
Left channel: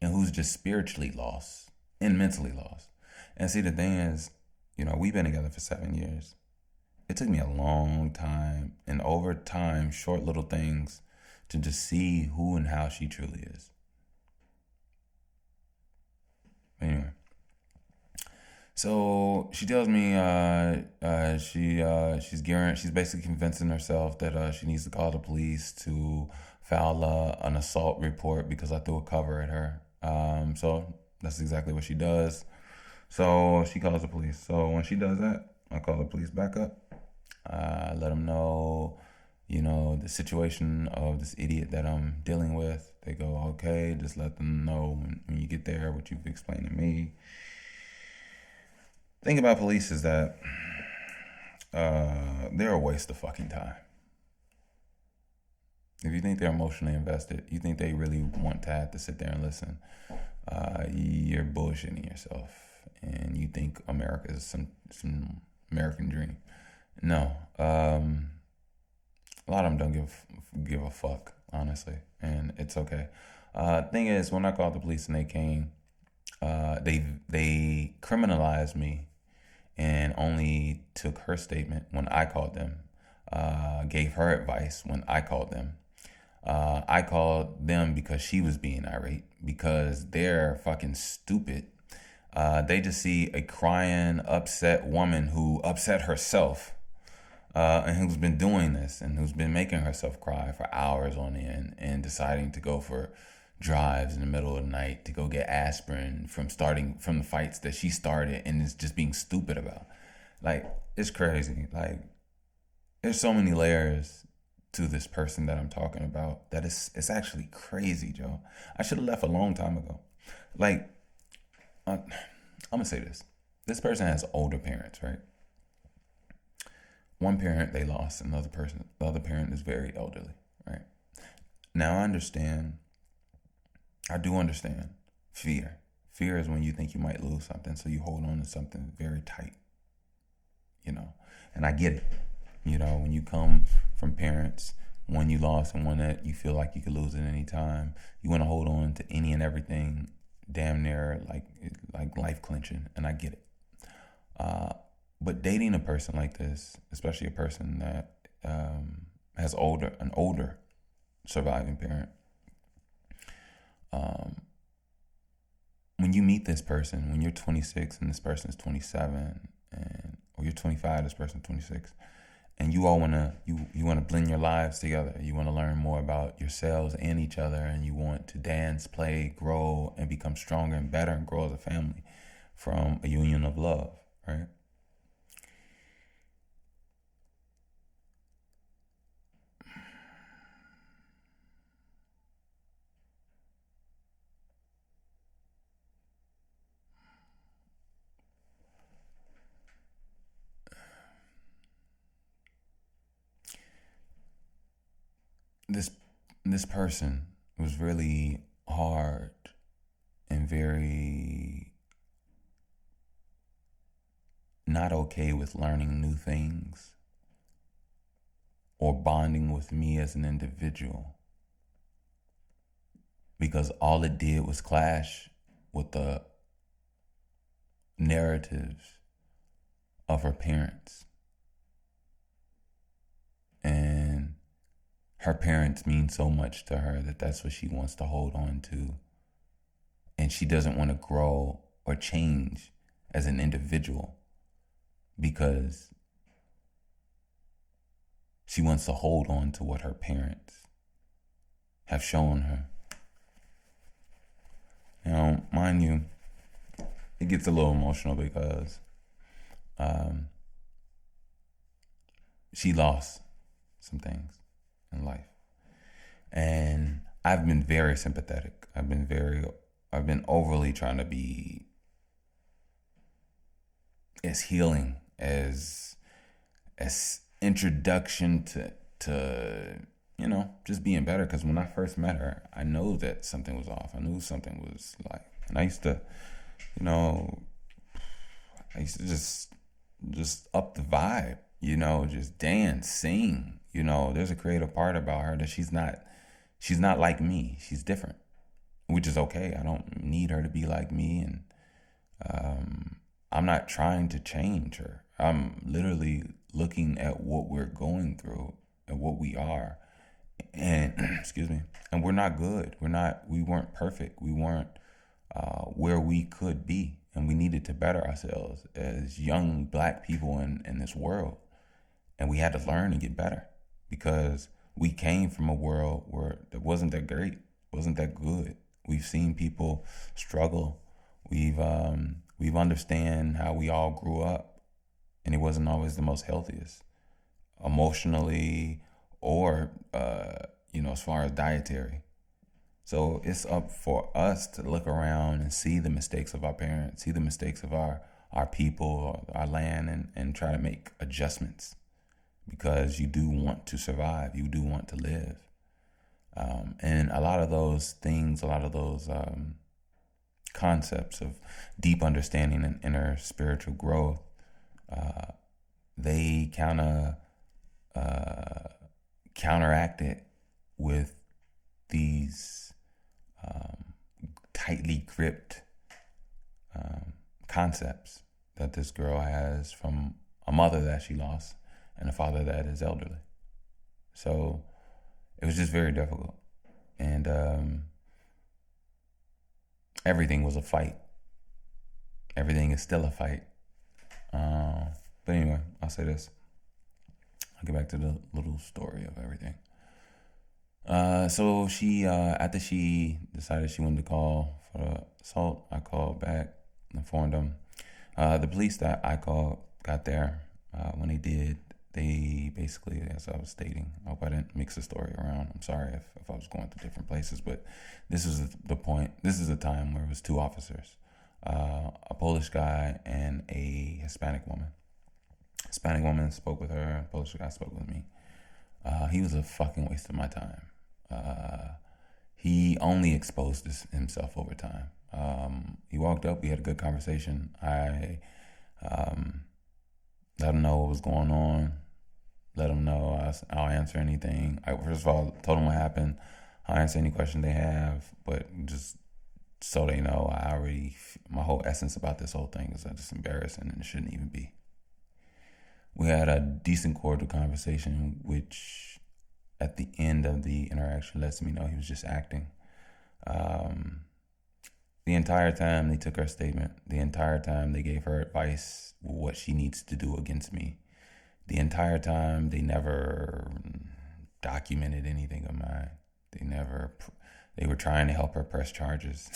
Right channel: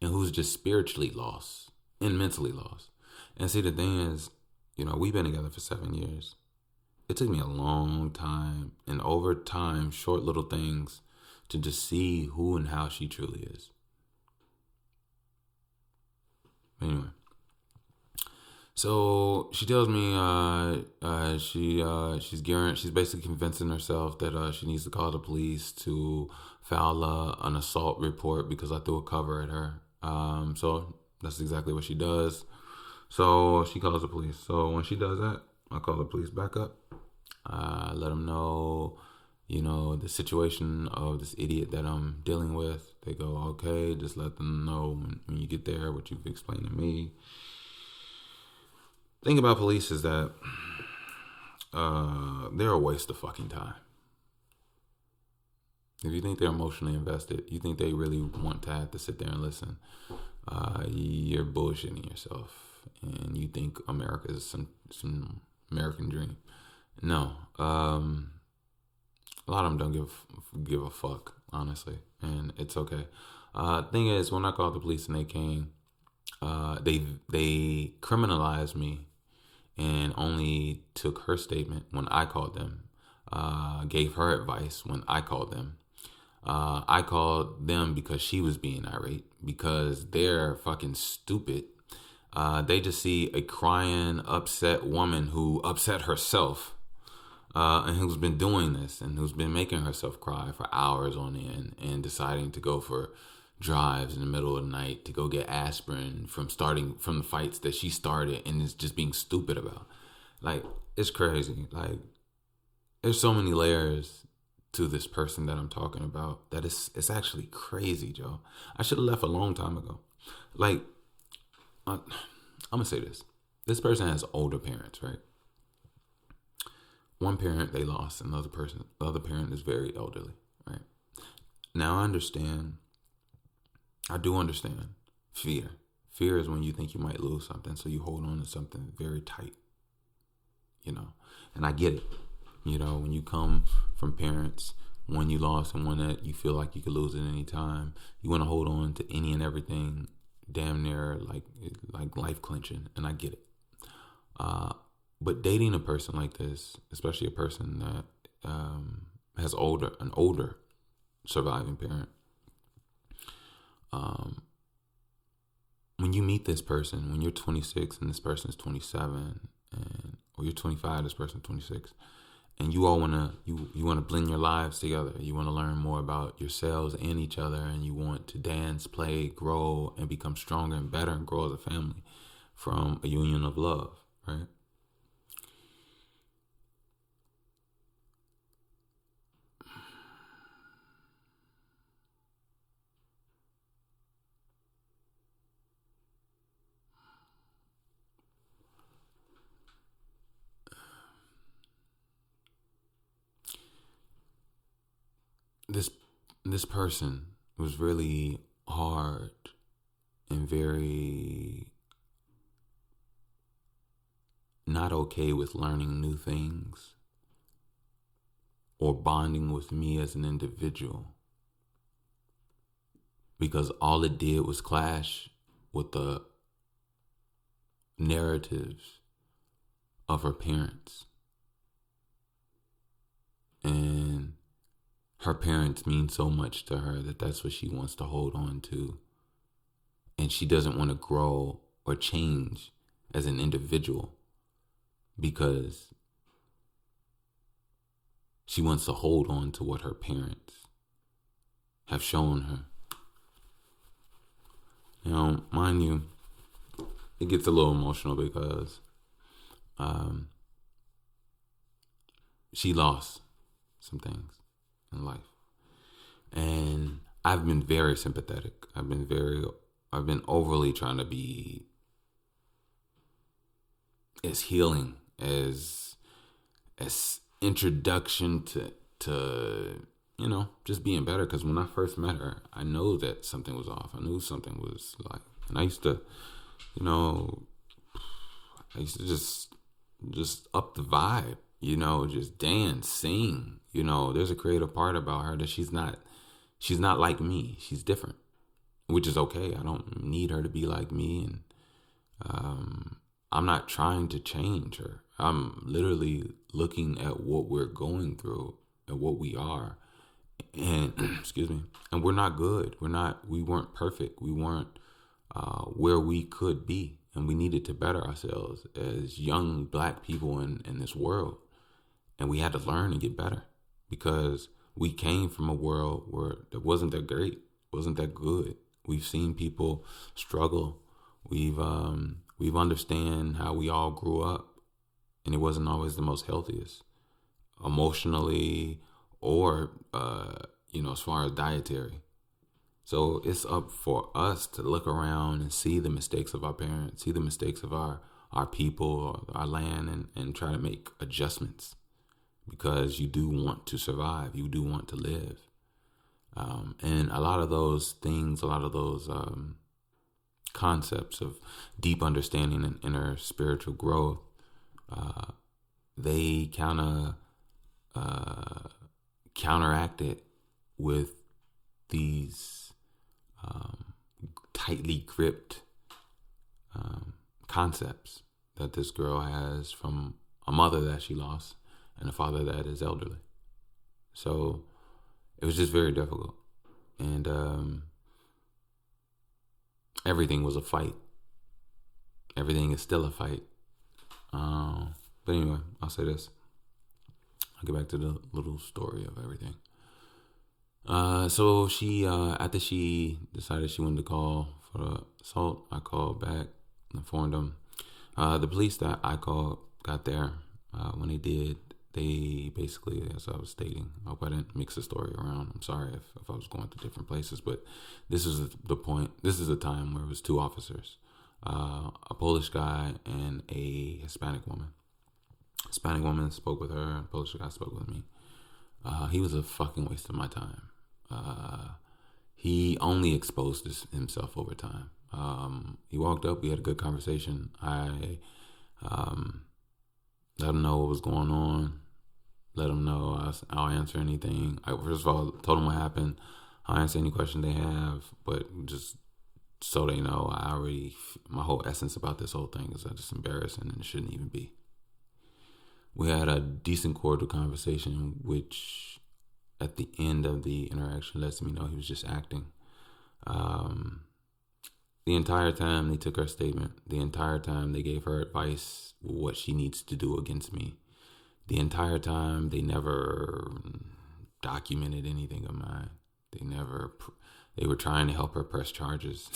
and who's just spiritually lost and mentally lost. And see, the thing is, we've been together for 7 years. It took me a long time, and over time, short little things, to just see who and how she truly is. Anyway, so she tells me she's basically convincing herself that she needs to call the police to file an assault report because I threw a cover at her. So that's exactly what she does. So she calls the police. So when she does that, I call the police back up. I let them know, the situation of this idiot that I'm dealing with. They go, okay, just let them know when you get there what you've explained to me. Thing about police is that they're a waste of fucking time. If you think they're emotionally invested, you think they really want to have to sit there and listen, you're bullshitting yourself, and you think America is some American dream. No, a lot of them don't give a fuck, honestly, and it's okay. Thing is, when I called the police and they came, they criminalized me and only took her statement when I called them. Gave her advice when I called them. I called them because she was being irate, because they're fucking stupid. They just see a crying, upset woman who upset herself, and who's been doing this and who's been making herself cry for hours on end and deciding to go for drives in the middle of the night to go get aspirin from the fights that she started and is just being stupid about. Like, it's crazy. Like, there's so many layers to this person that I'm talking about that it's actually crazy, Joe. I should have left a long time ago. Like, I'm gonna say this. This person has older parents, right? One parent they lost, and the other parent is very elderly, right? Now I do understand fear. Fear is when you think you might lose something, so you hold on to something very tight, you know. And I get it. You know, when you come from parents, one you lost and one that you feel like you could lose at any time, you want to hold on to any and everything, damn near like life clinching, and I get it. But dating a person like this, especially a person that has an older surviving parent, when you meet this person, when you're 26 and this person is 27, or you're 25, this person 26, and you all wanna blend your lives together. You want to learn more about yourselves and each other, and you want to dance, play, grow, and become stronger and better and grow as a family from a union of love, right? This person was really hard and very not okay with learning new things or bonding with me as an individual, because all it did was clash with the narratives of her parents. And her parents mean so much to her that that's what she wants to hold on to. And she doesn't want to grow or change as an individual because she wants to hold on to what her parents have shown her. Now, mind you, it gets a little emotional because she lost some things in life. And I've been very sympathetic. I've been overly trying to be as healing as introduction to you know, just being better. Because when I first met her, I know that something was off. I knew something was like, and I used to, you know, just up the vibe, you know, just dance, sing. You know, there's a creative part about her that she's not like me. She's different, which is okay. I don't need her to be like me, and I'm not trying to change her. I'm literally looking at what we're going through and what we are, and excuse me, and we're not good. We weren't perfect. We weren't where we could be, and we needed to better ourselves as young Black people in this world, and we had to learn and get better because we came from a world where that wasn't that great, wasn't that good. We've seen people struggle. We've understand how we all grew up, and it wasn't always the most healthiest, emotionally or as far as dietary. So it's up for us to look around and see the mistakes of our parents, see the mistakes of our people, our land, and try to make adjustments, because you do want to survive, you do want to live. And a lot of those things, a lot of those concepts of deep understanding and inner spiritual growth, they kind of counteract it with these tightly gripped concepts that this girl has from a mother that she lost and a father that is elderly. So it was just very difficult. And everything was a fight. Everything is still a fight. But anyway, I'll say this. I'll get back to the little story of everything. So she, after she decided she wanted to call for the assault, I called back and informed them. The police that I called got there. When they did, they basically, as I was stating, I hope I didn't mix the story around. I'm sorry if I was going to different places, but this is the point. This is the time where it was two officers, a Polish guy and a Hispanic woman. Hispanic woman spoke with her. Polish guy spoke with me. He was a fucking waste of my time. He only exposed himself over time. He walked up. We had a good conversation. I let him know what was going on. Let him know I'll answer anything. First of all, told him what happened. I'll answer any question they have, but just so they know, my whole essence about this whole thing is that it's embarrassing and it shouldn't even be. We had a decent cordial conversation, which at the end of the interaction lets me know he was just acting. The entire time they took her statement, the entire time they gave her advice what she needs to do against me. The entire time they never documented anything of mine. They were trying to help her press charges.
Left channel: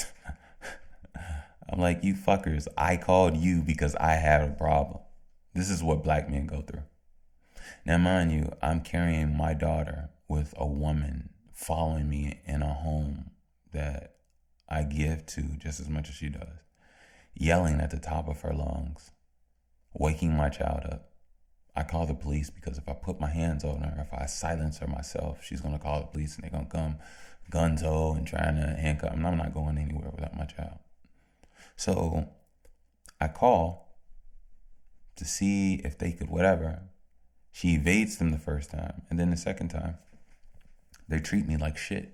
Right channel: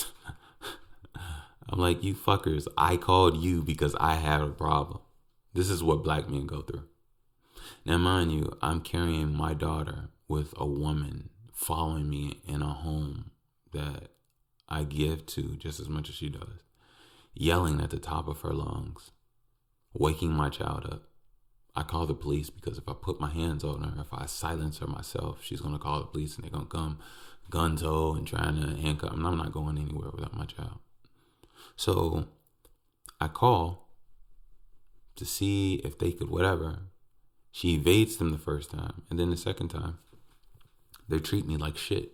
I'm like, you fuckers, I called you because I had a problem. This is what black men go through. Now, mind you, I'm carrying my daughter with a woman following me in a home that I give to just as much as she does, yelling at the top of her lungs, waking my child up. I call the police because if I put my hands on her, if I silence her myself, she's going to call the police and they're going to come gun-ho and trying to handcuff me. I'm not going anywhere without my child. So I call to see if they could whatever. She evades them the first time. And then the second time, they treat me like shit.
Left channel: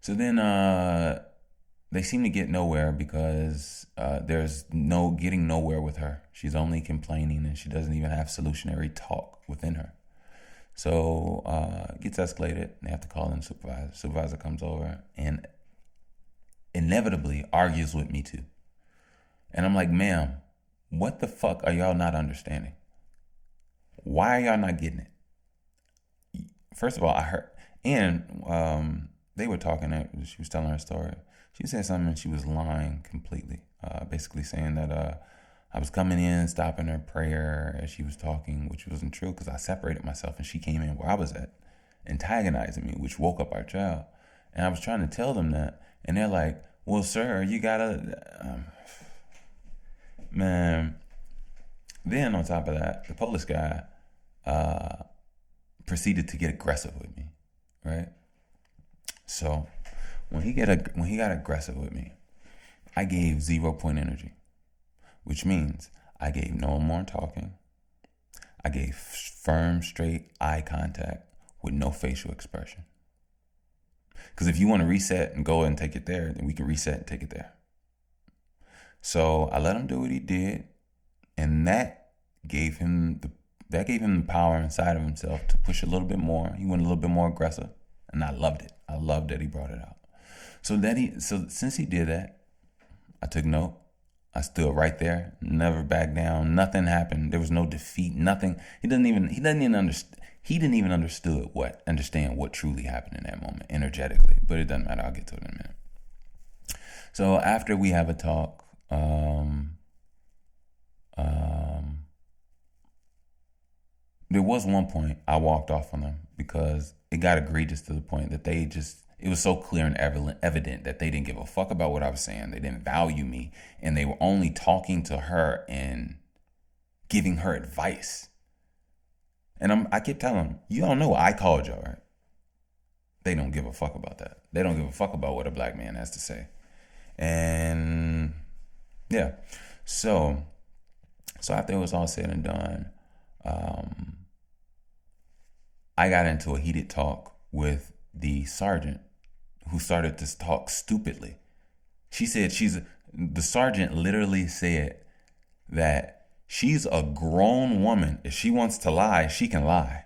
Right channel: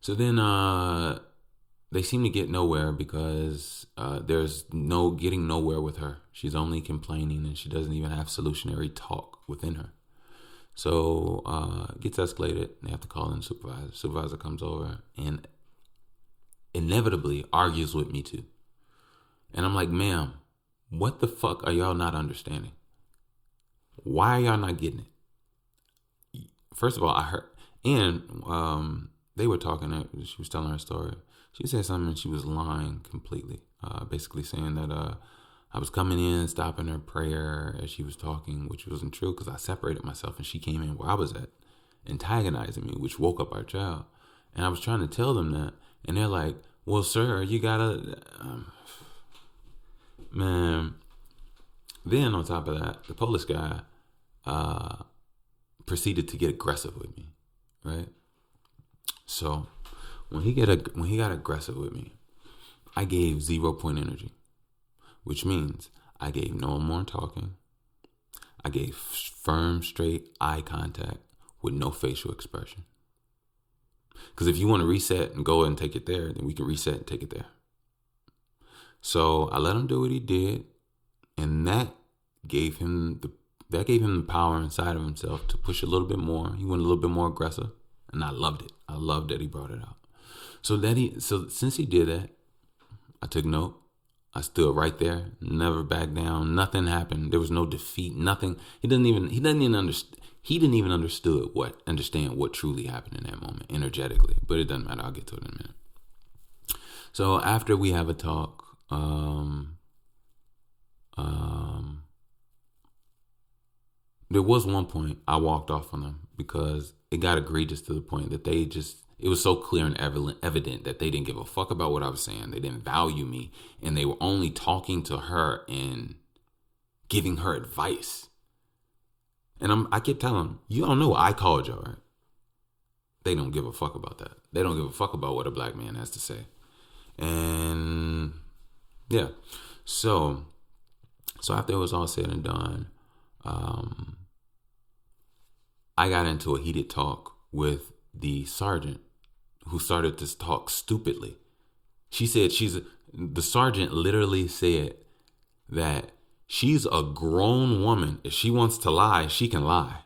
So then they seem to get nowhere because there's no getting nowhere with her. She's only complaining and she doesn't even have solutionary talk within her. So it gets escalated. They have to call in the supervisor. Supervisor comes over and inevitably argues with me too. And I'm like, ma'am, what the fuck are y'all not understanding? Why are y'all not getting it? First of all, I heard, and they were talking, she was telling her story. She said something and she was lying completely. Basically saying that I was coming in, stopping her prayer as she was talking, which wasn't true because I separated myself and she came in where I was at, antagonizing me, which woke up our child. And I was trying to tell them that. And they're like, well, sir, you gotta... man. Then on top of that, the Polish guy proceeded to get aggressive with me, right? So when he got aggressive with me, I gave 0 point energy, which means I gave no more talking. I gave firm, straight eye contact with no facial expression. Because if you want to reset and go and take it there, then we can reset and take it there. So I let him do what he did, and that gave him the power inside of himself to push a little bit more. He went a little bit more aggressive, and I loved it. I loved that he brought it out. So since he did that, I took note. I stood right there, never backed down. Nothing happened. There was no defeat. Nothing. He didn't even understand what truly happened in that moment energetically. But it doesn't matter. I'll get to it in a minute. So after we have a talk, there was one point I walked off on them because it got egregious to the point that it was so clear and evident that they didn't give a fuck about what I was saying. They didn't value me, and they were only talking to her and giving her advice. And I kept telling them, you don't know I called y'all, right? They don't give a fuck about that. They don't give a fuck about what a black man has to say. And yeah, so after it was all said and done, I got into a heated talk with the sergeant who started to talk stupidly. She said the sergeant literally said that she's a grown woman. If she wants to lie, she can lie.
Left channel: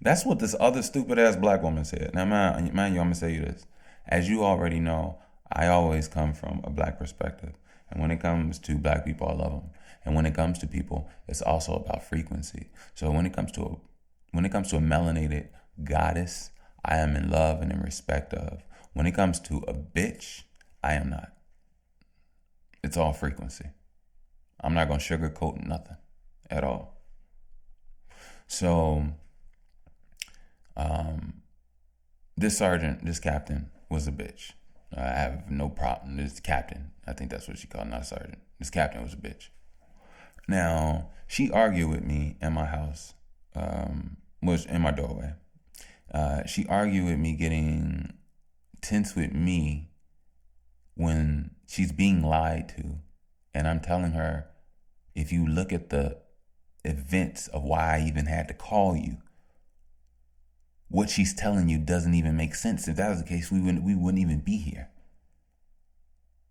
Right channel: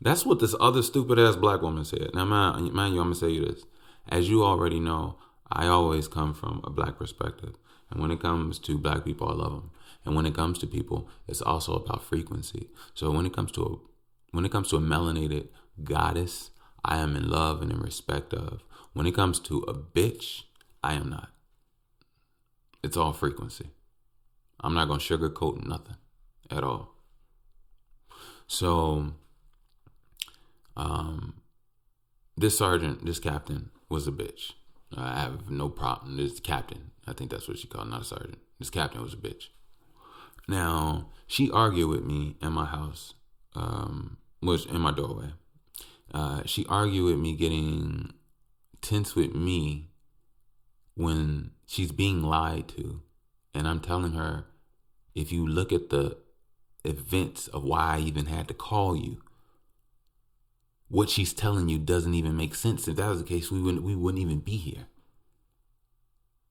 That's what this other stupid ass black woman said. Now, man, you, I'm gonna say you this. As you already know, I always come from a black perspective, and when it comes to black people, I love them. And when it comes to people, it's also about frequency. So when it comes to a melanated goddess, I am in love and in respect of. When it comes to a bitch, I am not. It's all frequency. I'm not gonna sugarcoat nothing at all. So, this sergeant, this captain, was a bitch. I have no problem. This captain, I think that's what she called, not a sergeant. This captain was a bitch. Now, she argued with me in my house, was in my doorway. She argued with me, getting tense with me when she's being lied to. And I'm telling her, if you look at the events of why I even had to call you, what she's telling you doesn't even make sense. If that was the case, we wouldn't even be here.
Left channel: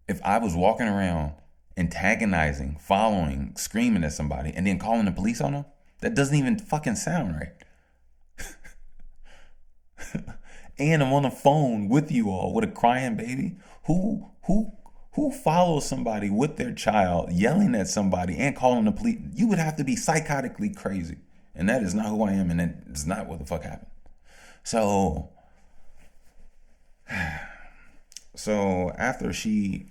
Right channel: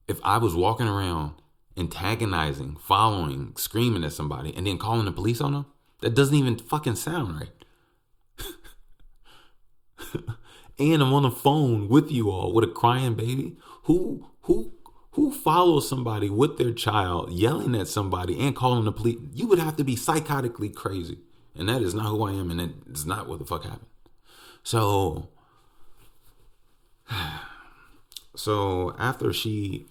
If I was walking around antagonizing, following, screaming at somebody, and then calling the police on them, that doesn't even fucking sound right. And I'm on the phone with you all with a crying baby. Who follows somebody with their child yelling at somebody and calling the police? You would have to be psychotically crazy. And that is not who I am, and that is not what the fuck happened. So after she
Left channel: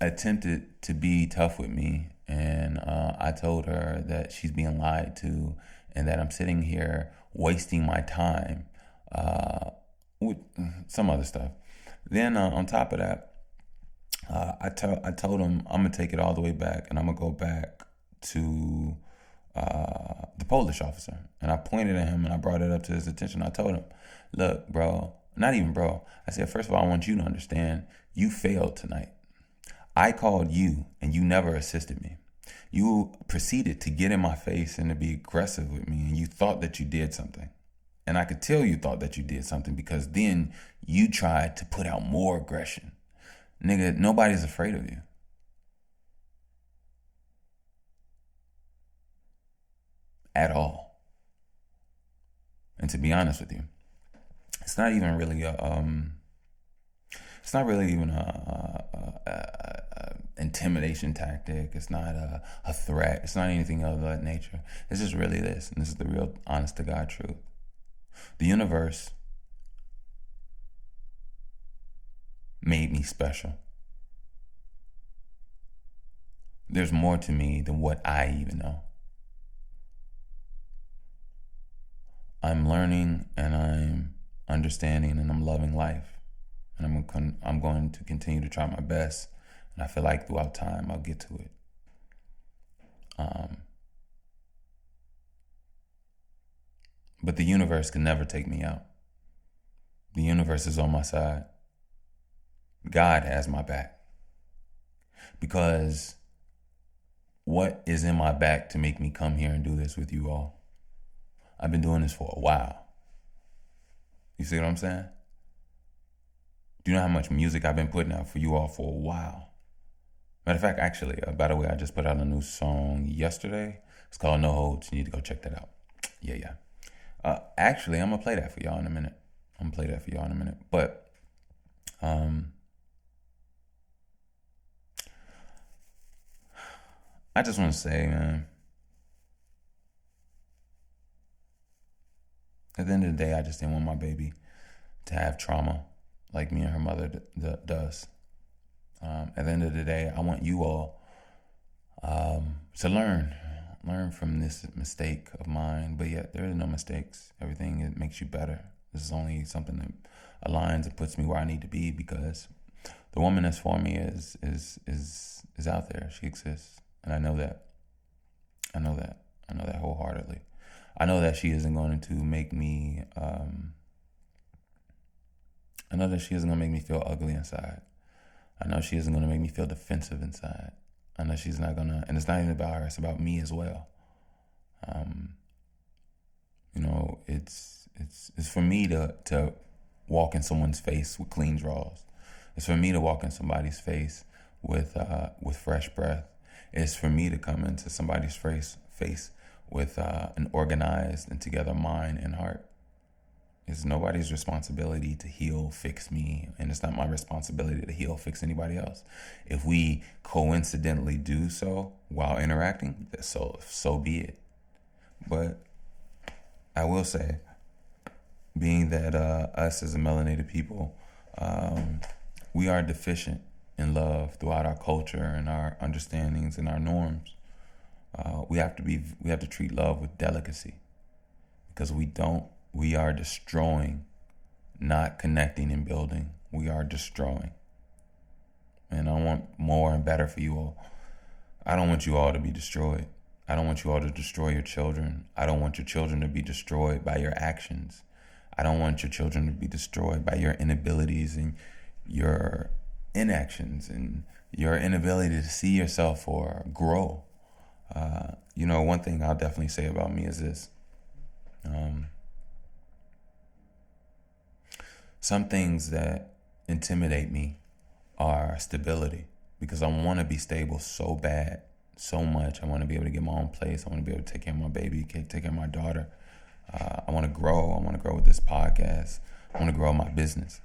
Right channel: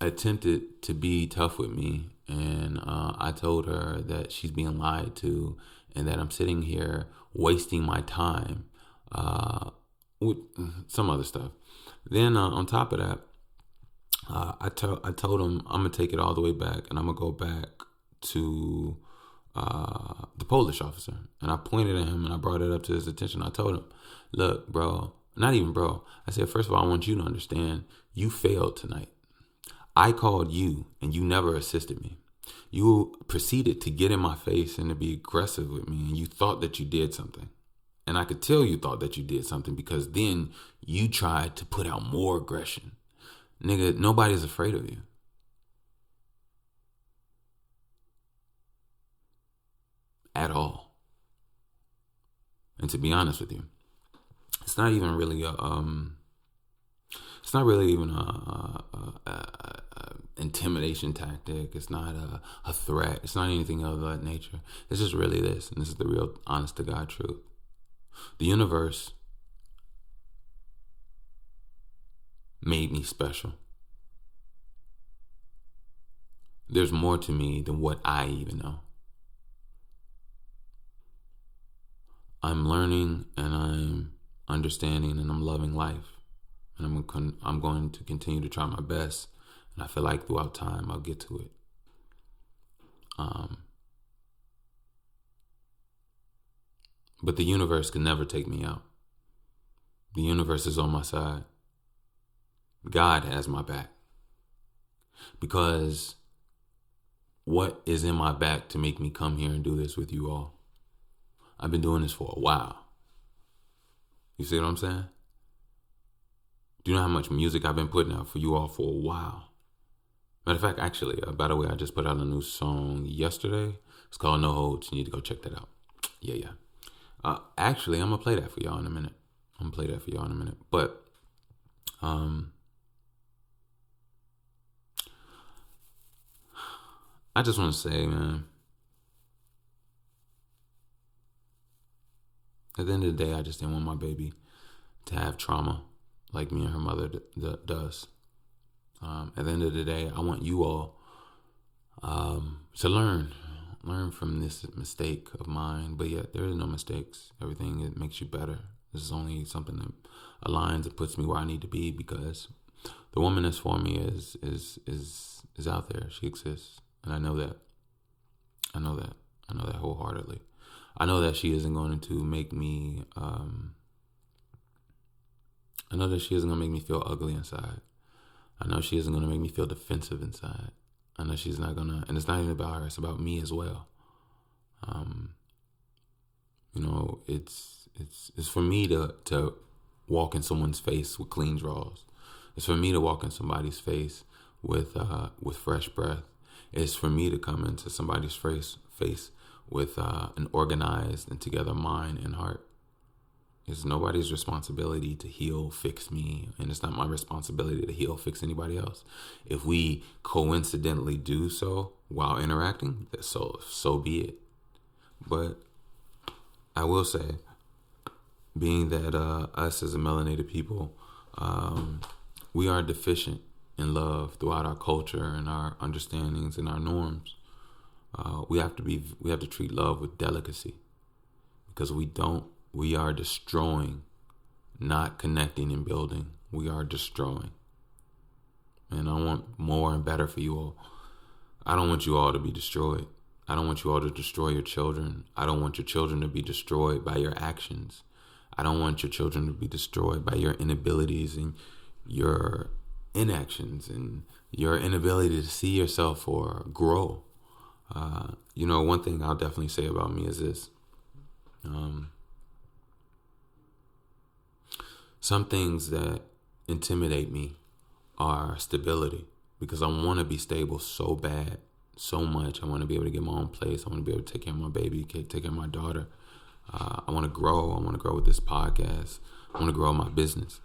attempted to be tough with me, and I told her that she's being lied to and that I'm sitting here wasting my time with some other stuff. Then on top of that, I told him I'm gonna take it all the way back, and I'm gonna go back to the Polish officer. And I pointed at him and I brought it up to his attention. I told him, look, bro, not even bro. I said, first of all, I want you to understand you failed tonight. I called you and you never assisted me. You proceeded to get in my face and to be aggressive with me, and you thought that you did something. And I could tell you thought that you did something, because then you tried to put out more aggression. Nigga, nobody's afraid of you. At all. And to be honest with you, it's not even really a intimidation tactic. It's not a threat. It's not anything of that nature. It's just really this, and this is the real honest to God truth. The universe made me special. There's more to me than what I even know. I'm learning and I'm understanding and I'm loving life. And I'm going to continue to try my best. And I feel like throughout time I'll get to it. But the universe can never take me out. The universe is on my side. God has my back. Because what is in my back to make me come here and do this with you all? I've been doing this for a while. You see what I'm saying? Do you know how much music I've been putting out for you all for a while? Matter of fact, actually, by the way, I just put out a new song yesterday. It's called No Holds. You need to go check that out. Yeah. Actually, I'm going to play that for y'all in a minute. But, I just want to say, man, at the end of the day, I just didn't want my baby to have trauma like me and her mother does. At the end of the day, I want you all to learn from this mistake of mine. But yet, there is no mistakes. Everything, it makes you better. This is only something that aligns and puts me where I need to be, because the woman that's for me is out there. She exists, and I know that. I know that wholeheartedly. I know that she isn't going to make me. I know that she isn't going to make me feel ugly inside. I know she isn't going to make me feel defensive inside. I know she's not going to, and it's not even about her, it's about me as well. You know, it's for me to walk in someone's face with clean draws. It's for me to walk in somebody's face with fresh breath. It's for me to come into somebody's face with an organized and together mind and heart. It's nobody's responsibility to heal, fix me, and it's not my responsibility to heal, fix anybody else. If we coincidentally do so while interacting, so be it. But I will say, being that us as a melanated people, we are deficient in love throughout our culture and our understandings and our norms. We have to treat love with delicacy, because we don't. We are destroying, not connecting and building. We are destroying. And I want more and better for you all. I don't want you all to be destroyed. I don't want you all to destroy your children. I don't want your children to be destroyed by your actions. I don't want your children to be destroyed by your inabilities and your inactions and your inability to see yourself or grow. One thing I'll definitely say about me is this. Some things that intimidate me are stability, because I want to be stable so bad, so much. I want to be able to get my own place. I want to be able to take care of my baby, take care of my daughter. I want to grow. I want to grow with this podcast. I want to grow my business.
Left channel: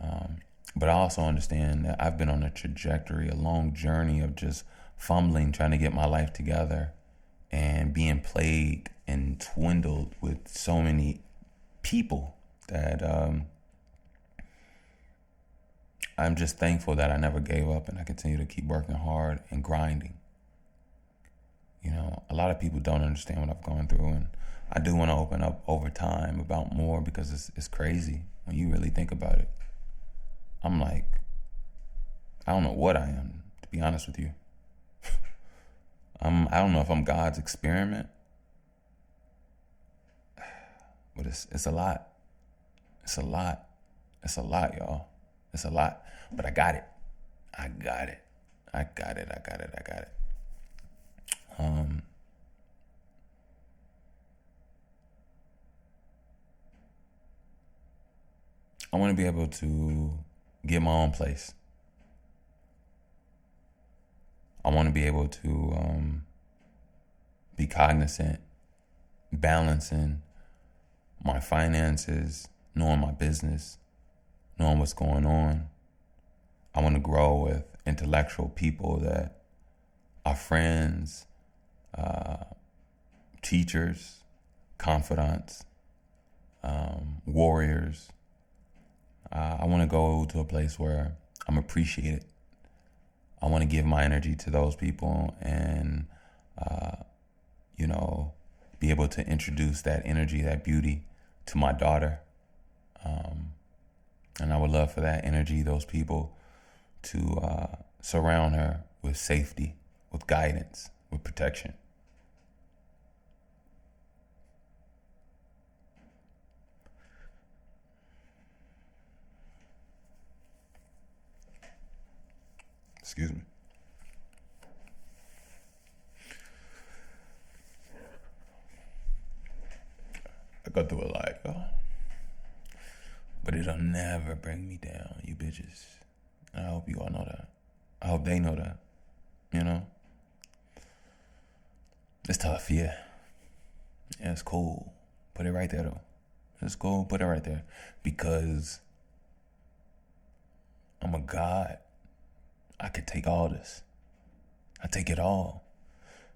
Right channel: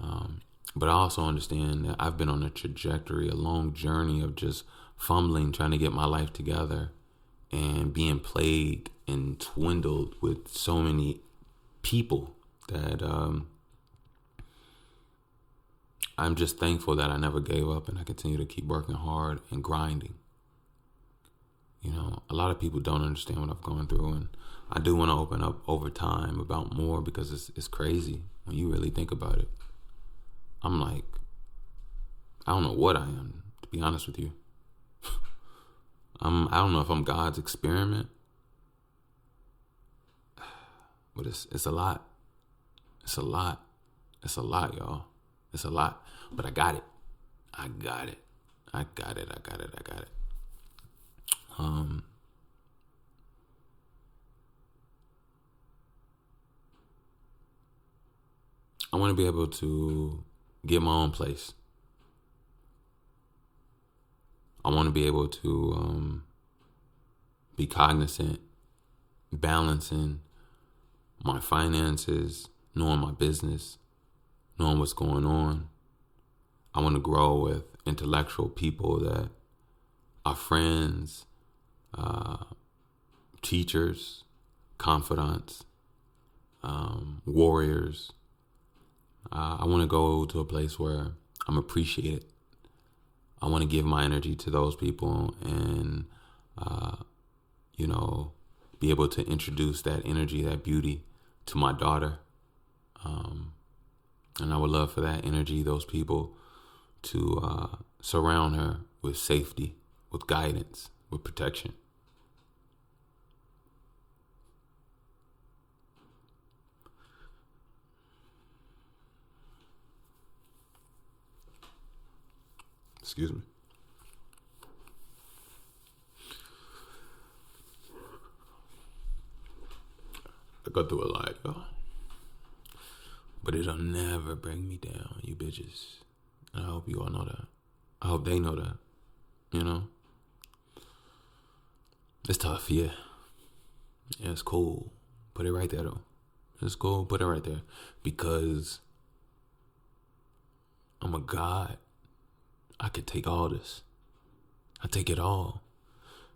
But I also understand that I've been on a trajectory, a long journey of just fumbling, trying to get my life together and being plagued and dwindled with so many people that I'm just thankful that I never gave up and I continue to keep working hard and grinding. You know, a lot of people don't understand what I've gone through, and I do want to open up over time about more, because it's crazy when you really think about it. I'm like, I don't know what I am, to be honest with you. I don't know if I'm God's experiment, but it's a lot. It's a lot. It's a lot, y'all. It's a lot. But I got it. I got it. I got it. I got it. I got it. I want to be able to get my own place. I want to be able to be cognizant, balancing my finances, knowing my business, knowing what's going on. I want to grow with intellectual people that are friends, teachers, confidants, warriors. I want to go to a place where I'm appreciated. I want to give my energy to those people and, be able to introduce that energy, that beauty to my daughter. And I would love for that energy, those people, to surround her with safety, with guidance, with protection. Excuse me. I go through a lot, y'all. But it'll never bring me down, you bitches. And I hope you all know that. I hope they know that. You know? It's tough, yeah. Yeah, it's cool. Put it right there, though. It's cool. Put it right there. Because I'm a God. I could take all this. I take it all.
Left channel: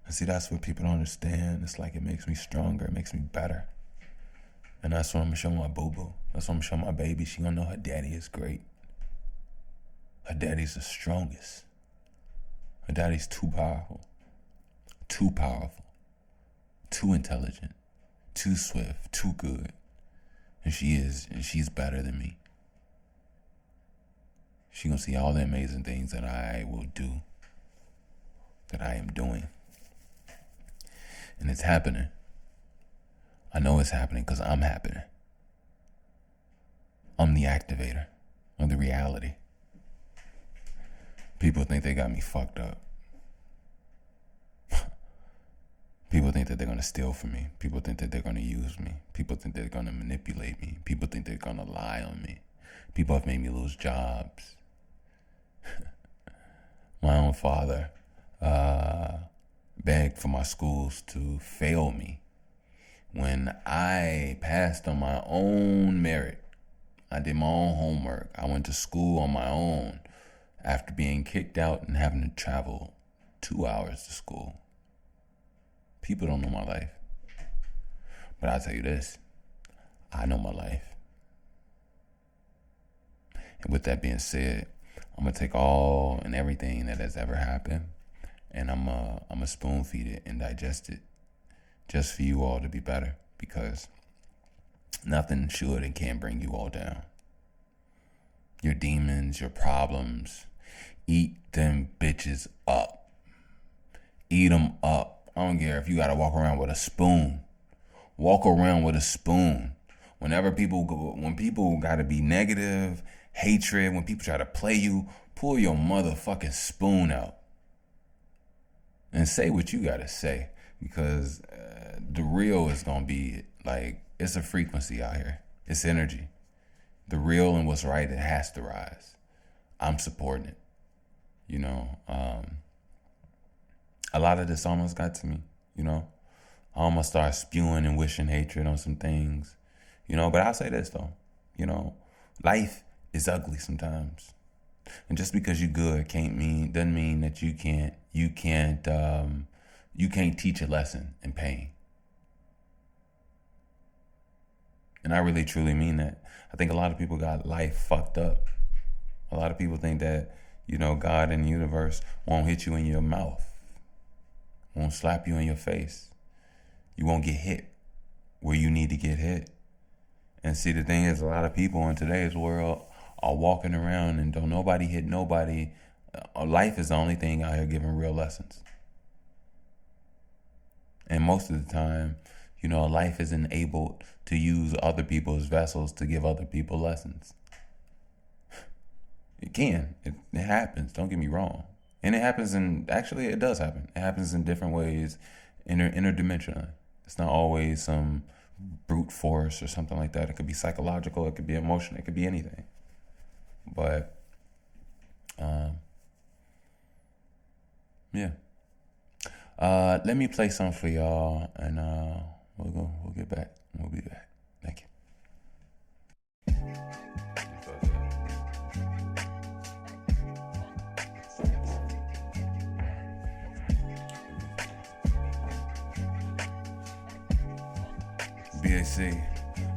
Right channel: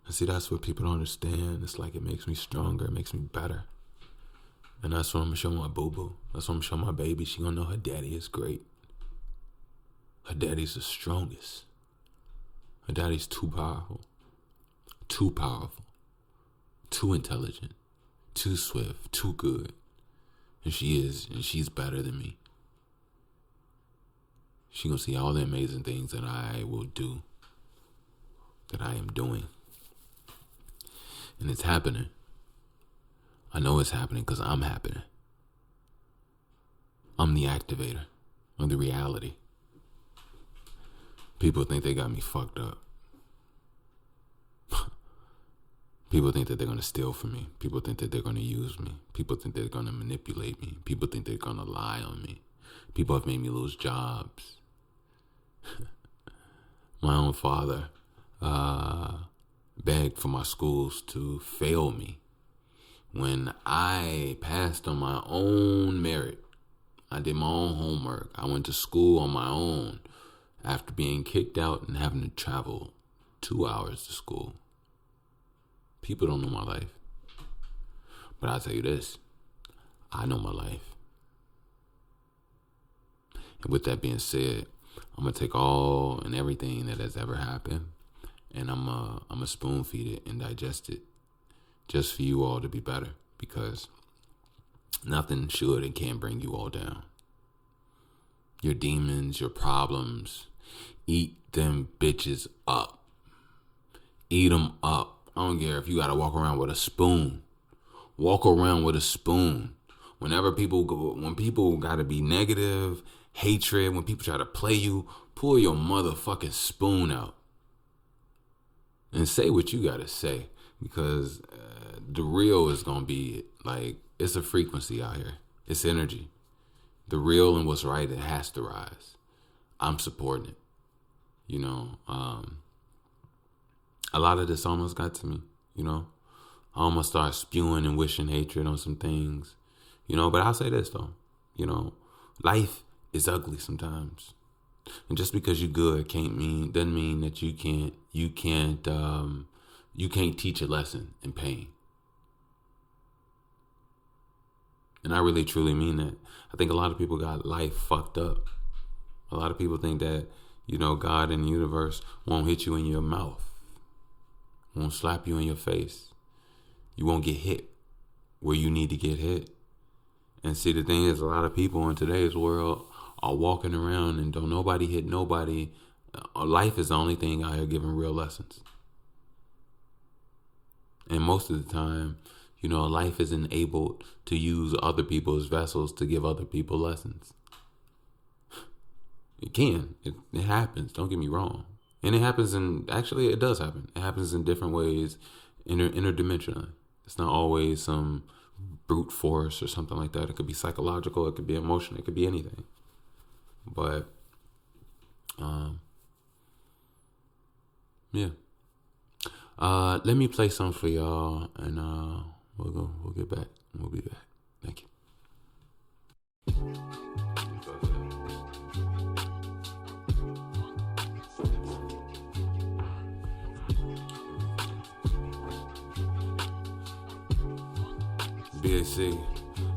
And see, that's what people don't understand. It's like it makes me stronger. It makes me better. And that's what I'm going to show my boo-boo. That's what I'm going to show my baby. She going to know her daddy is great. Her daddy's the strongest. Her daddy's too powerful. Too powerful. Too intelligent. Too swift. Too good. And she is. And she's better than me. She going to see all the amazing things that I will do. That I am doing. And it's happening. I know it's happening because I'm happening. I'm the activator of the reality. People think they got me fucked up. People think that they're going to steal from me. People think that they're going to use me. People think they're going to manipulate me. People think they're going to lie on me. People have made me lose jobs. My own father begged for my schools to fail me when I passed on my own merit. I did my own homework. I went to school on my own after being kicked out and having to travel 2 hours to school. People don't know my life. But I'll tell you this, I know my life. And with that being said, I'm going to take all and everything that has ever happened, and I'm a spoon feed it and digest it just for you all to be better, because nothing should and can bring you all down. Your demons, your problems, eat them bitches up. Eat them up. I don't care if you got to walk around with a spoon. Walk around with a spoon. When people got to be negative, hatred, when people try to play you, pull your motherfucking spoon out and say what you got to say, because the real is going to be like, it's a frequency out here. It's energy. The real and what's right, it has to rise. I'm supporting it. You know, a lot of this almost got to me, you know. I almost started spewing and wishing hatred on some things, you know. But I'll say this, though. You know, life is ugly sometimes. And just because you're good doesn't mean that you can't teach a lesson in pain. And I really truly mean that. I think a lot of people got life fucked up. A lot of people think that, you know, God and the universe won't hit you in your mouth, won't slap you in your face. You won't get hit where you need to get hit. And see, the thing is, a lot of people in today's world are walking around and don't nobody hit nobody. Life is the only thing out here giving real lessons. And most of the time, you know, life is enabled to use other people's vessels to give other people lessons. It can. It happens. Don't get me wrong. And it happens actually it does happen. It happens in different ways, interdimensionally. It's not always some brute force or something like that. It could be psychological. It could be emotional. It could be anything. But, yeah. Let me play some for y'all, and we'll get back. We'll be back. Thank you. BAC.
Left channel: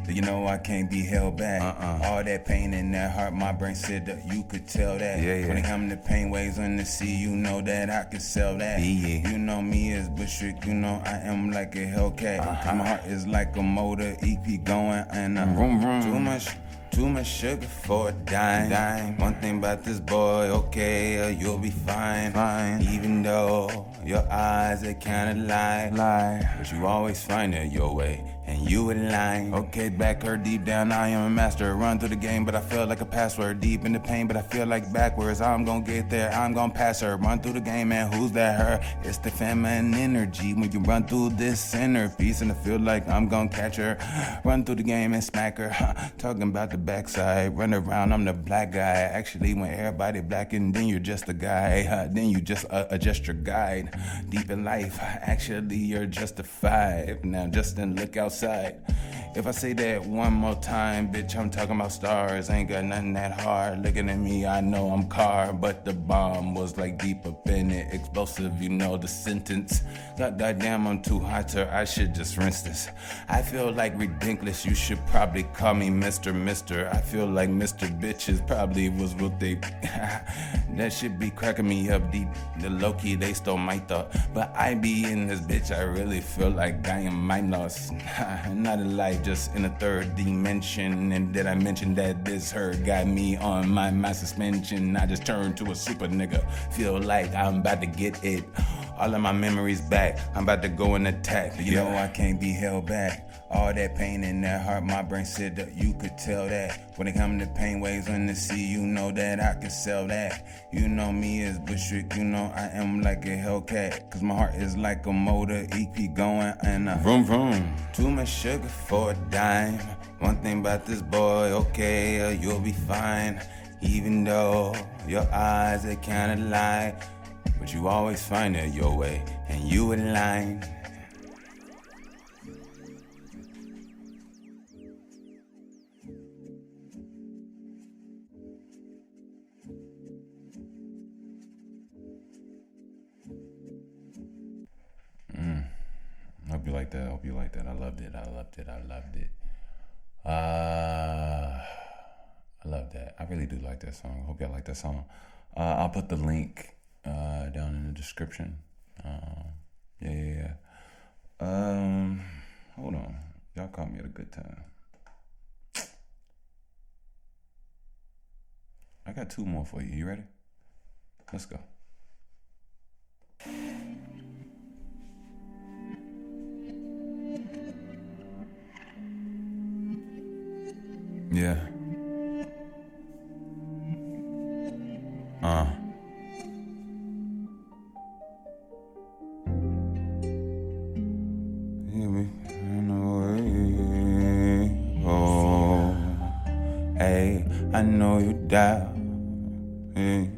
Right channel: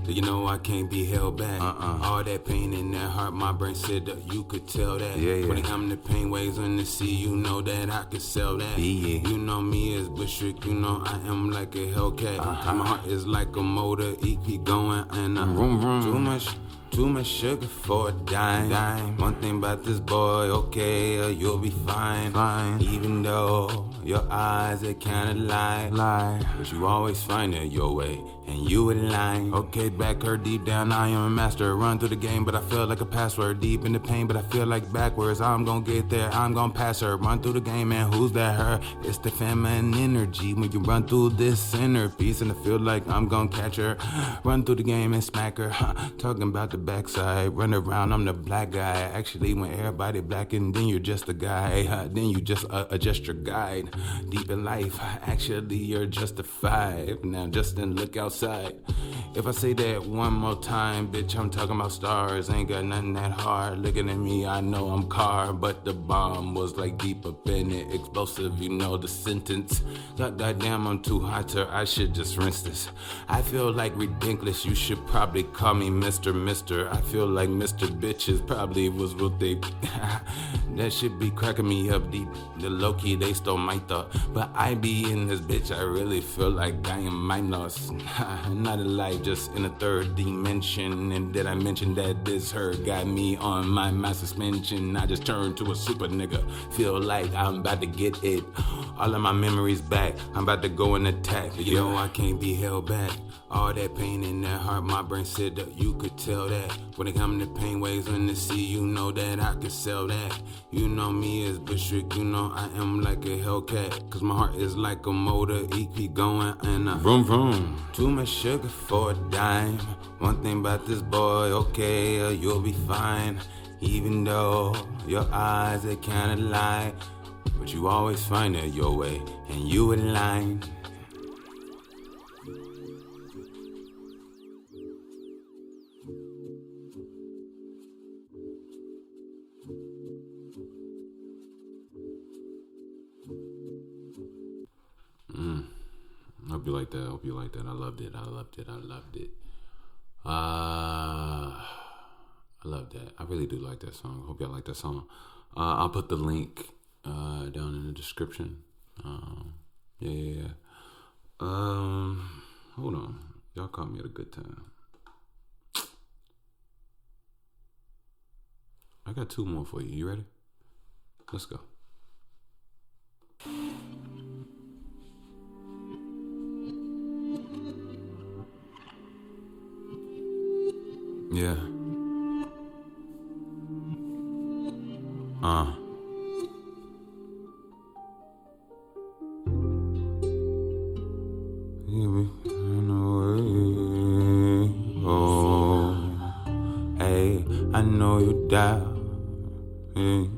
You know I can't be held back. All that pain in that heart, my brain said that you could tell that. Yeah. When it come to pain waves on the sea, you know that I could sell that. Yeah. You know me as Bushwick, you know I am like a Hellcat. My heart is like a motor, EP going and vroom vroom. Too much sugar for a dime. One thing about this boy, okay, you'll be fine. Even though your eyes, they kinda lie. But you always find it your way, and you align. Okay, back her deep down, I am a master. Run through the game, but I feel like a password. Deep in the pain, but I feel like backwards. I'm gonna get there, I'm gonna pass her. Run through the game, man, who's that her? It's the feminine energy when you run through this centerpiece, and I feel like I'm gonna catch her. Run through the game and smack her. Talking about the backside, run around, I'm the black guy. Actually, when everybody black, and then you're just a guy. Then you just a gesture guide. Deep in life, actually you're just a 5. Now just then look outside. If I say that one more time, bitch, I'm talking about stars. Ain't got nothing that hard. Looking at me, I know I'm car, but the bomb was like deep up in it. Explosive, you know the sentence. Goddamn, I'm too hot to, I should just rinse this. I feel like ridiculous, you should probably call me Mr. I feel like Mr. Bitches probably was what they that should be cracking me up deep. The low-key, they stole my thought. But I be in this bitch, I really feel like I am minus. Not alive, just in a third dimension. And did I mention that this hurt got me on my suspension? I just turned to a super nigga. Feel like I'm about to get it All of my memories back. I'm about to go and attack. You know I can't be held back. All that pain in that heart, my brain said that you could tell that. When it come to pain waves in the sea, you know that I could sell that. You know me as Bushwick, you know I am like a Hellcat. Cause my heart is like a motor, it keep going and vroom vroom. Too much sugar for a dime. One thing about this boy, okay, you'll be fine. Even though your eyes are kinda lie, but you always find it your way, and you align. Hope you like that. Hope you like that. I loved it. I loved it. I loved it. I love that. I really do like that song. Hope y'all like that song. I'll put the link down in the description. Yeah. Hold on. Y'all caught me at a good time. I got two more for you. You ready? Let's go. Yeah. Oh, hey, I know you down. Hey.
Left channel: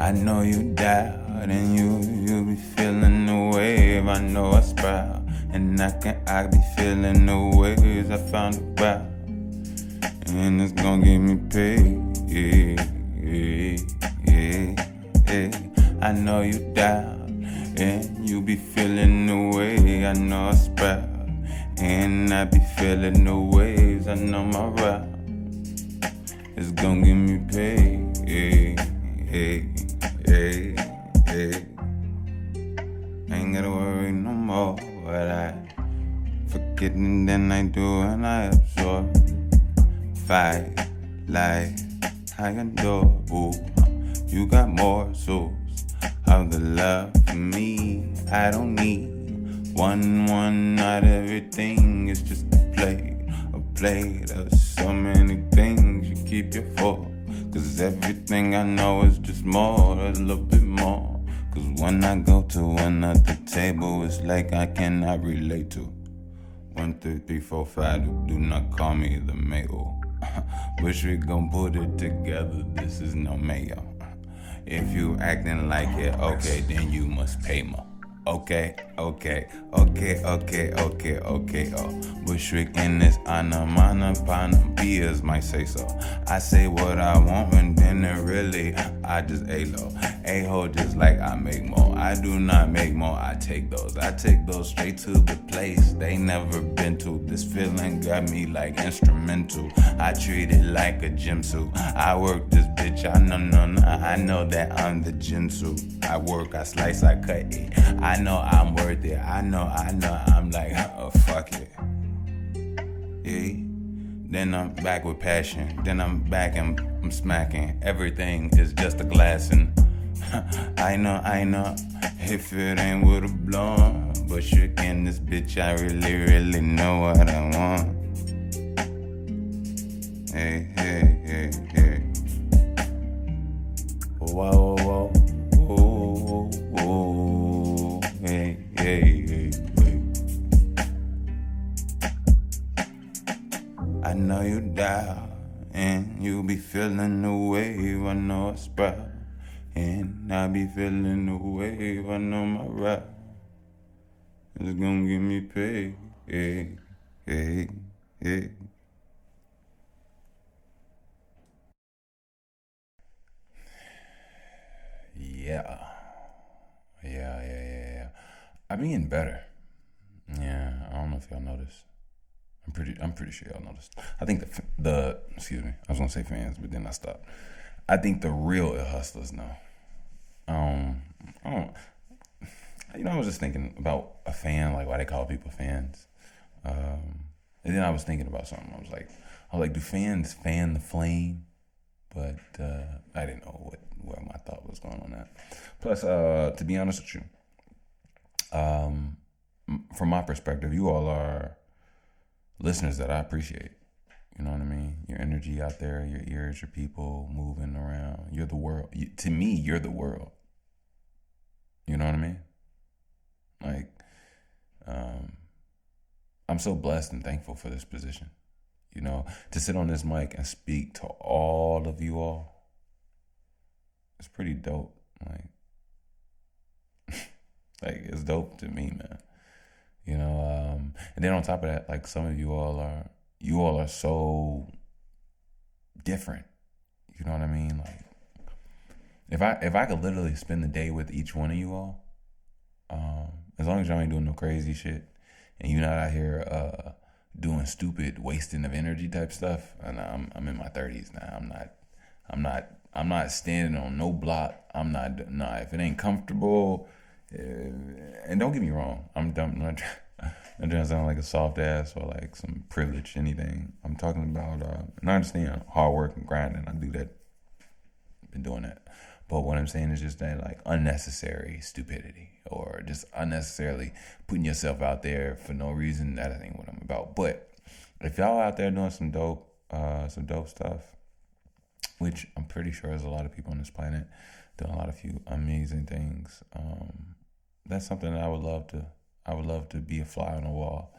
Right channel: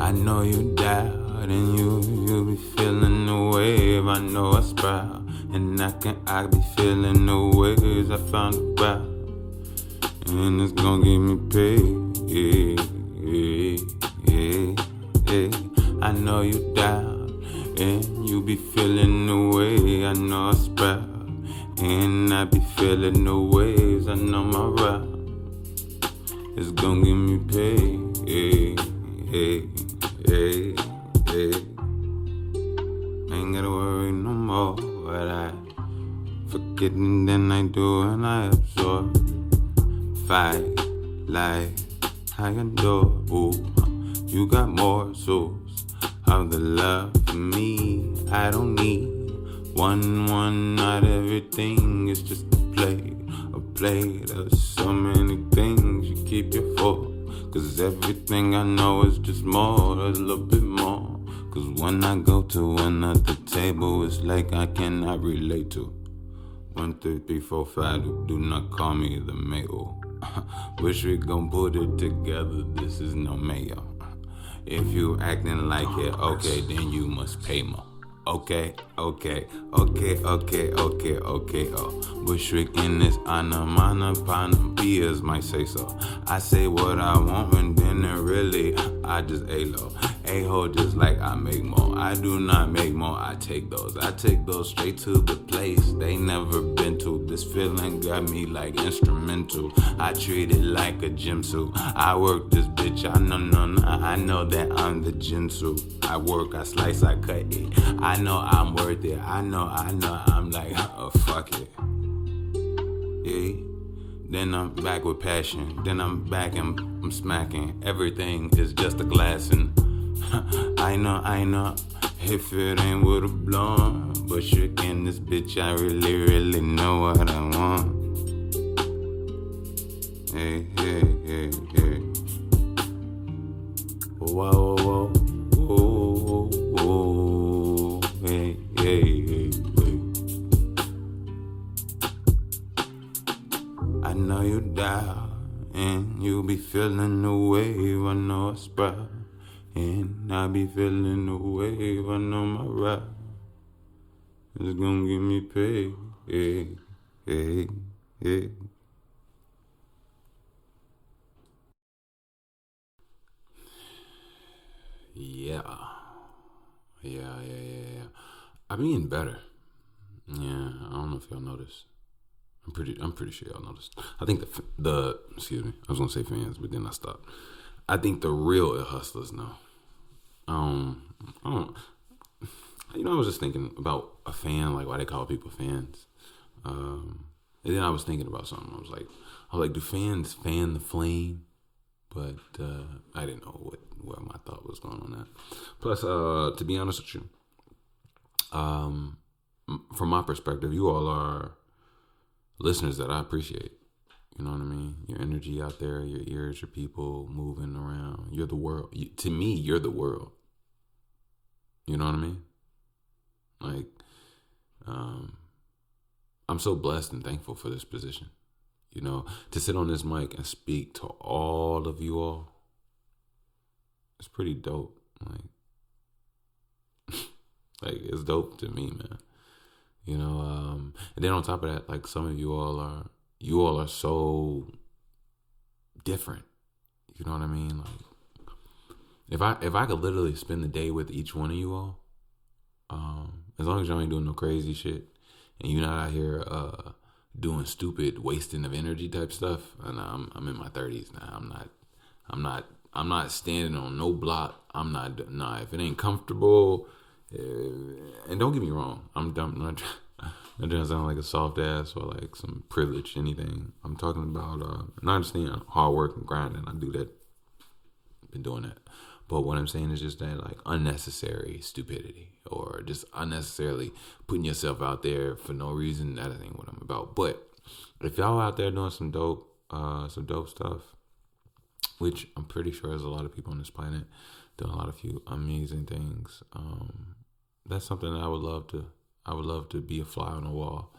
I know you down and you be feeling the wave. I know I sprout and I be feeling the waves I found about. And it's gonna give me paid. I know you down and you be feeling the way. I know I sprout and I be feeling the waves. I know my route is gonna give me paid. Ain't gotta worry no more. But I forget and then I do and I absorb. Fight like I adore. Ooh, you got more souls of the love for me. I don't need one, not everything is just a plate of so many things you keep your full. Cause everything I know is just more, there's a little bit more. Cause when I go to another table, it's like I cannot relate to. 1, 2, 3, 4, 5, do not call me the mayo. Wish we gon' put it together, this is no mayo. If you acting like it, okay, then you must pay more. Okay. Oh, Bushwick in this anamana beers might say so. I say what I want and then really I just A-low. A-hole just like I make more. I do not make more, I take those. I take those straight to the place they never been to. This feeling got me like instrumental. I treat it like a gym suit. I work this bitch, I know that I'm the jinsu. I work, I slice, I cut it. I know I'm worth it. I know, I'm like, oh, fuck it. Yeah. Then I'm back with passion. Then I'm back and I'm smacking. Everything is just a glass and I know. If it ain't with a blonde, but you in this bitch, I really know what I want. Hey. Whoa. Hey. I know you down and you be feeling the wave. I know I sprout and I be feeling the wave. I know my rap is gonna give me paid. Hey. Yeah. I'm being better. Yeah, I don't know if y'all noticed. I'm pretty sure y'all noticed. I think the excuse me, I was gonna say fans, but then I stopped. I think the real hustlers know. I was just thinking about a fan, like why they call people fans. And then I was thinking about something. I was like, do fans fan the flame? but I didn't know where my thought was going on that. Plus, to be honest with you, from my perspective, you all are listeners that I appreciate. You know what I mean? Your energy out there, your ears, your people moving around. You're the world. To me, you're the world. You know what I mean? Like, I'm so blessed and thankful for this position. You know, to sit on this mic and speak to all of you all, it's pretty dope. Like it's dope to me, man. You know, and then on top of that, like some of you all are so different. You know what I mean? Like if I could literally spend the day with each one of you all, as long as y'all ain't doing no crazy shit and you're not out here doing stupid wasting of energy type stuff. And I'm in my 30s now. I'm not standing on no block. If it ain't comfortable, and don't get me wrong, I'm not trying to sound like a soft ass or like some privilege, anything. I'm talking about, and I understand hard work and grinding. I do that. Been doing that. But what I'm saying is just that like unnecessary stupidity or just unnecessarily putting yourself out there for no reason. That ain't what I'm about. But if y'all out there doing some dope stuff, which I'm pretty sure there's a lot of people on this planet doing a few amazing things. That's something that I would love to be a fly on the wall.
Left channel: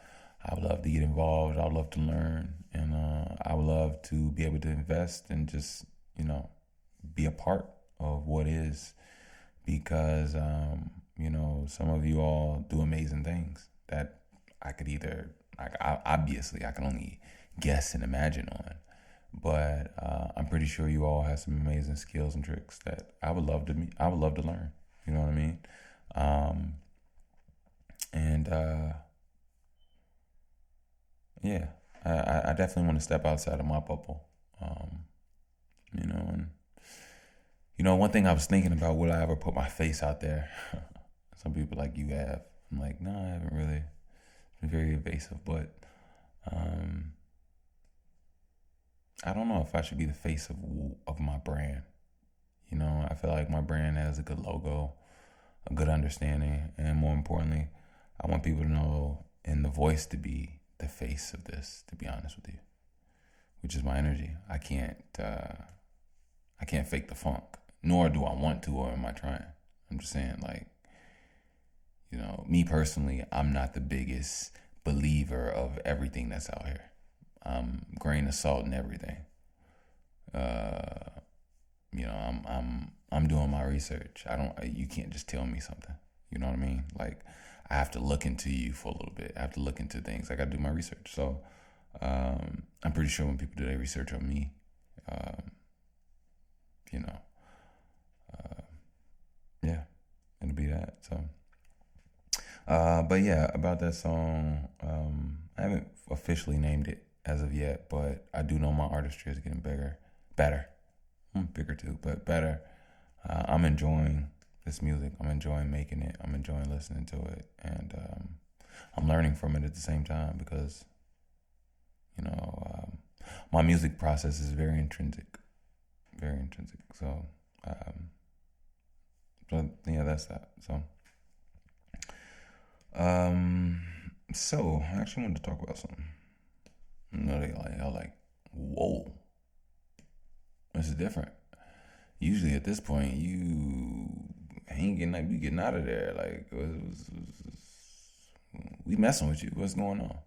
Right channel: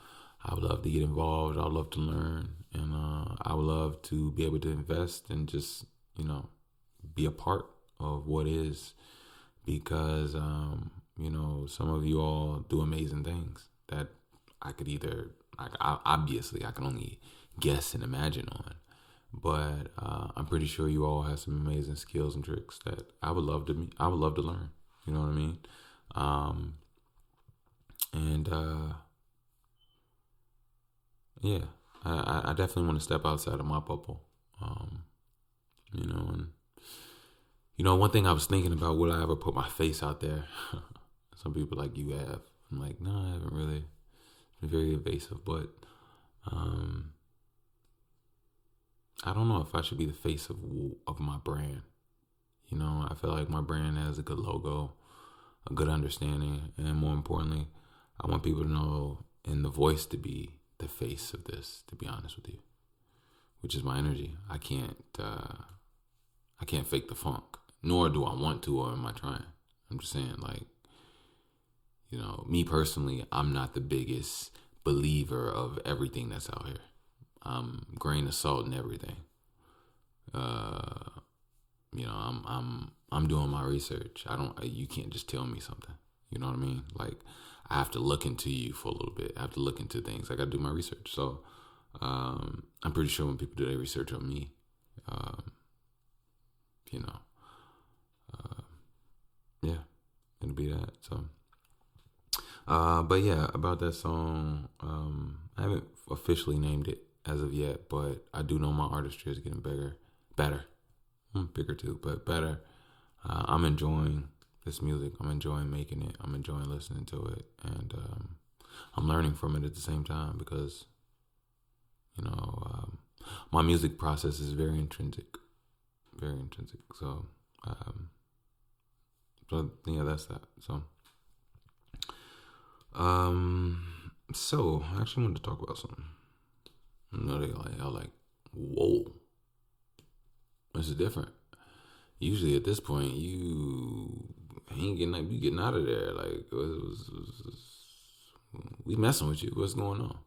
I would love to get involved. I would love to learn, and I would love to be able to invest and just be a part of what is, because some of you all do amazing things that I could either obviously I can only guess and imagine on, but I'm pretty sure you all have some amazing skills and tricks that I would love to learn. You know what I mean? Yeah, I definitely want to step outside of my bubble. One thing I was thinking about, will I ever put my face out there? Some people like, you have. I'm like, no, I haven't really. It's been very evasive, but I don't know if I should be the face of my brand. I feel like my brand has a good logo, a good understanding, and more importantly, I want people to know and the voice to be the face of this, to be honest with you, which is my energy. I can't fake the funk, nor do I want to, or am I trying. I'm just saying, like, me personally, I'm not the biggest believer of everything that's out here. I'm grain of salt in everything. I'm doing my research. You can't just tell me something. You know what I mean? Like, I have to look into you for a little bit. I have to look into things. I got to do my research. So, I'm pretty sure when people do their research on me, yeah, it'll be that. So, but yeah, about that song, I haven't officially named it as of yet, but I do know my artistry is getting better. Bigger too, but better. I'm enjoying this music. I'm enjoying making it. I'm enjoying listening to it, and I'm learning from it at the same time because, my music process is very intrinsic. So, yeah, that's that. So, so I actually wanted to talk about something. Y'all like, whoa, this is different. Usually at this point, you getting out of there. Like, we messing with you. What's going on?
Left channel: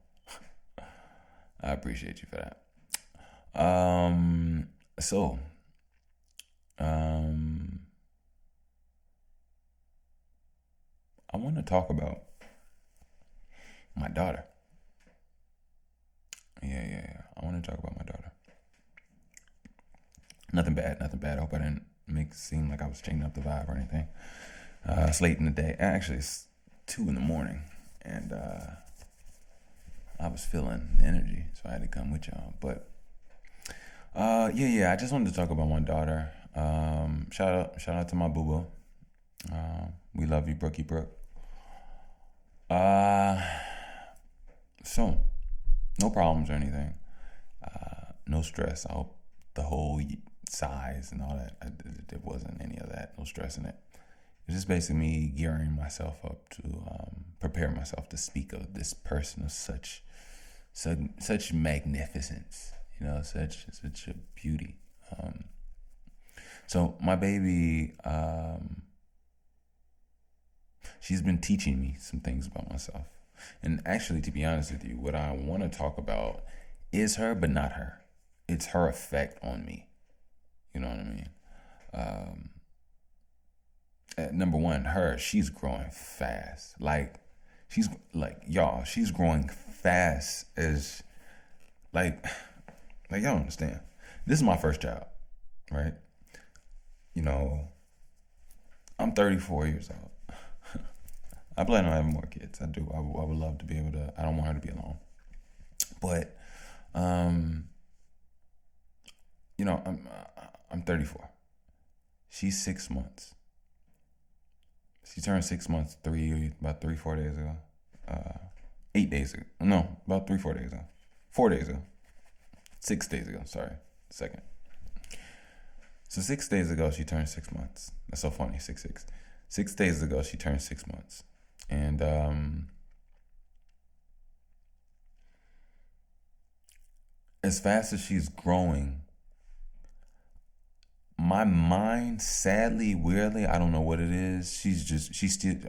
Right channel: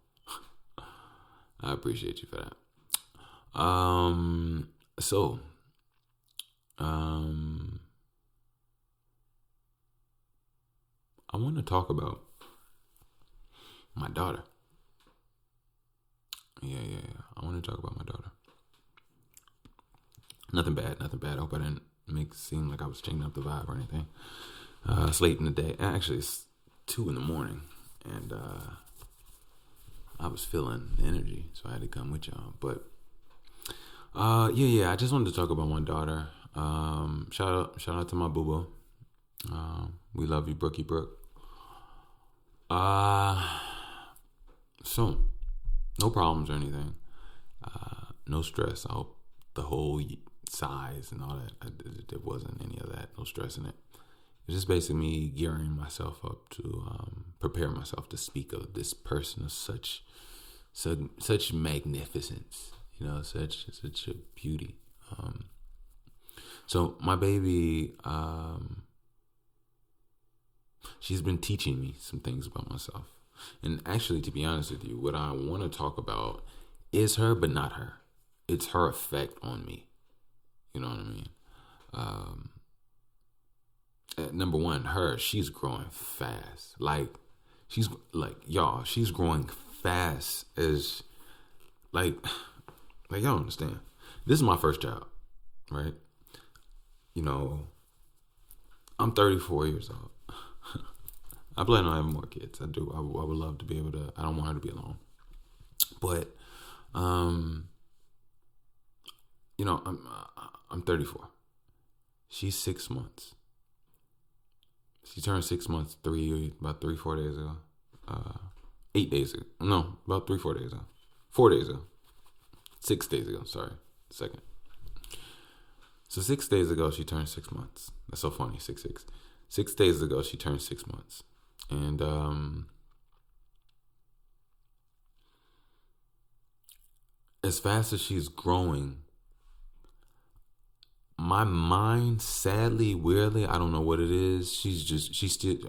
I appreciate you for that. I want to talk about my daughter. Yeah. I want to talk about my daughter. Nothing bad. I hope I didn't make it seem like I was changing up the vibe or anything. It's late in the day. Actually, it's 2 a.m, and I was feeling the energy, so I had to come with y'all. But yeah. I just wanted to talk about my daughter. Shout out to my boo-boo. We love you, Brookie Brooke. So, no problems or anything. No stress. I hope the whole size and all that. There wasn't any of that. No stress in it. It's just basically me gearing myself up to prepare myself to speak of this person of such magnificence, such a beauty. So my baby, she's been teaching me some things about myself. And actually, to be honest with you, what I want to talk about is her, but not her. It's her effect on me. You know what I mean? Number one, she's growing fast. She's growing fast as, y'all understand. This is my first child, right? I'm 34 years old. I plan on having more kids. I do. I would love to be able to. I don't want her to be alone. But, I'm 34. She's 6 months. She turned 6 months about 3-4 days ago. 8 days ago. No, about 3-4 days ago. 4 days ago. 6 days ago. Sorry. Second. So 6 days ago, she turned 6 months. That's so funny. 6. 6 days ago, she turned 6 months. And as fast as she's growing, my mind, sadly, weirdly, I don't know what it is.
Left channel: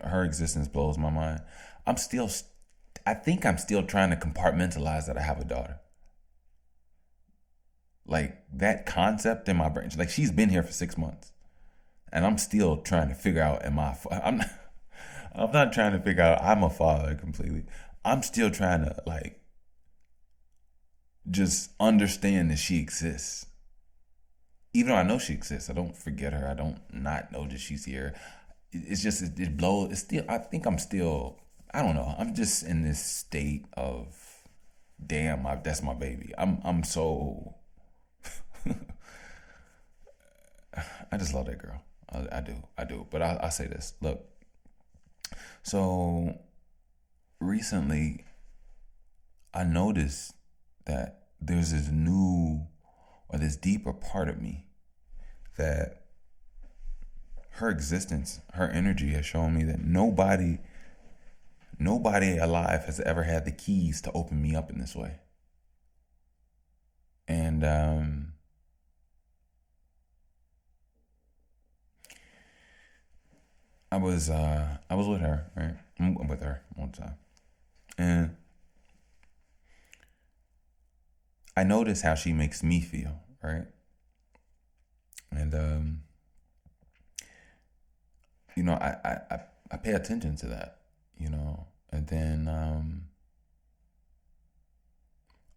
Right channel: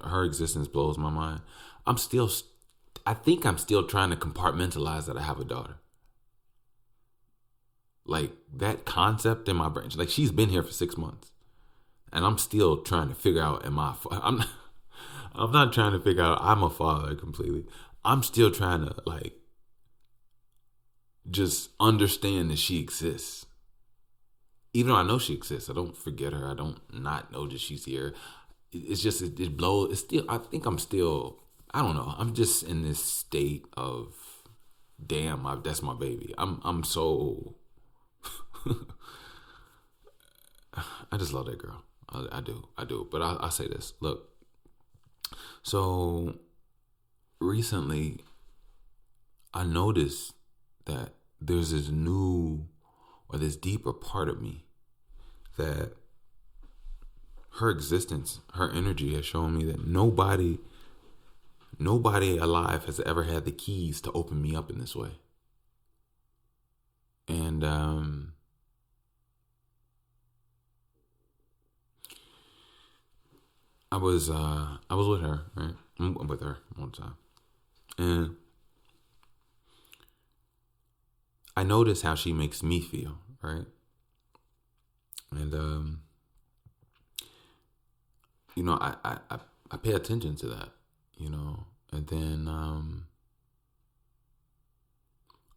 Her existence blows my mind. I think I'm still trying to compartmentalize that I have a daughter. Like, that concept in my brain, like, she's been here for 6 months, and I'm still trying to figure out, I'm not trying to figure out I'm a father completely. I'm still trying to, just understand that she exists. Even though I know she exists, I don't forget her. I don't not know that she's here. It's just, it blows. It's still, I think I'm still, I don't know. I'm just in this state of, damn, that's my baby. I'm so, I just love that girl. I do. But I'll say this. Look, so recently I noticed that there's this new or this deeper part of me that her existence, her energy has shown me that nobody alive has ever had the keys to open me up in this way. And I was with her, right? I'm with her all the time. And I notice how she makes me feel, right? And I pay attention to that, and then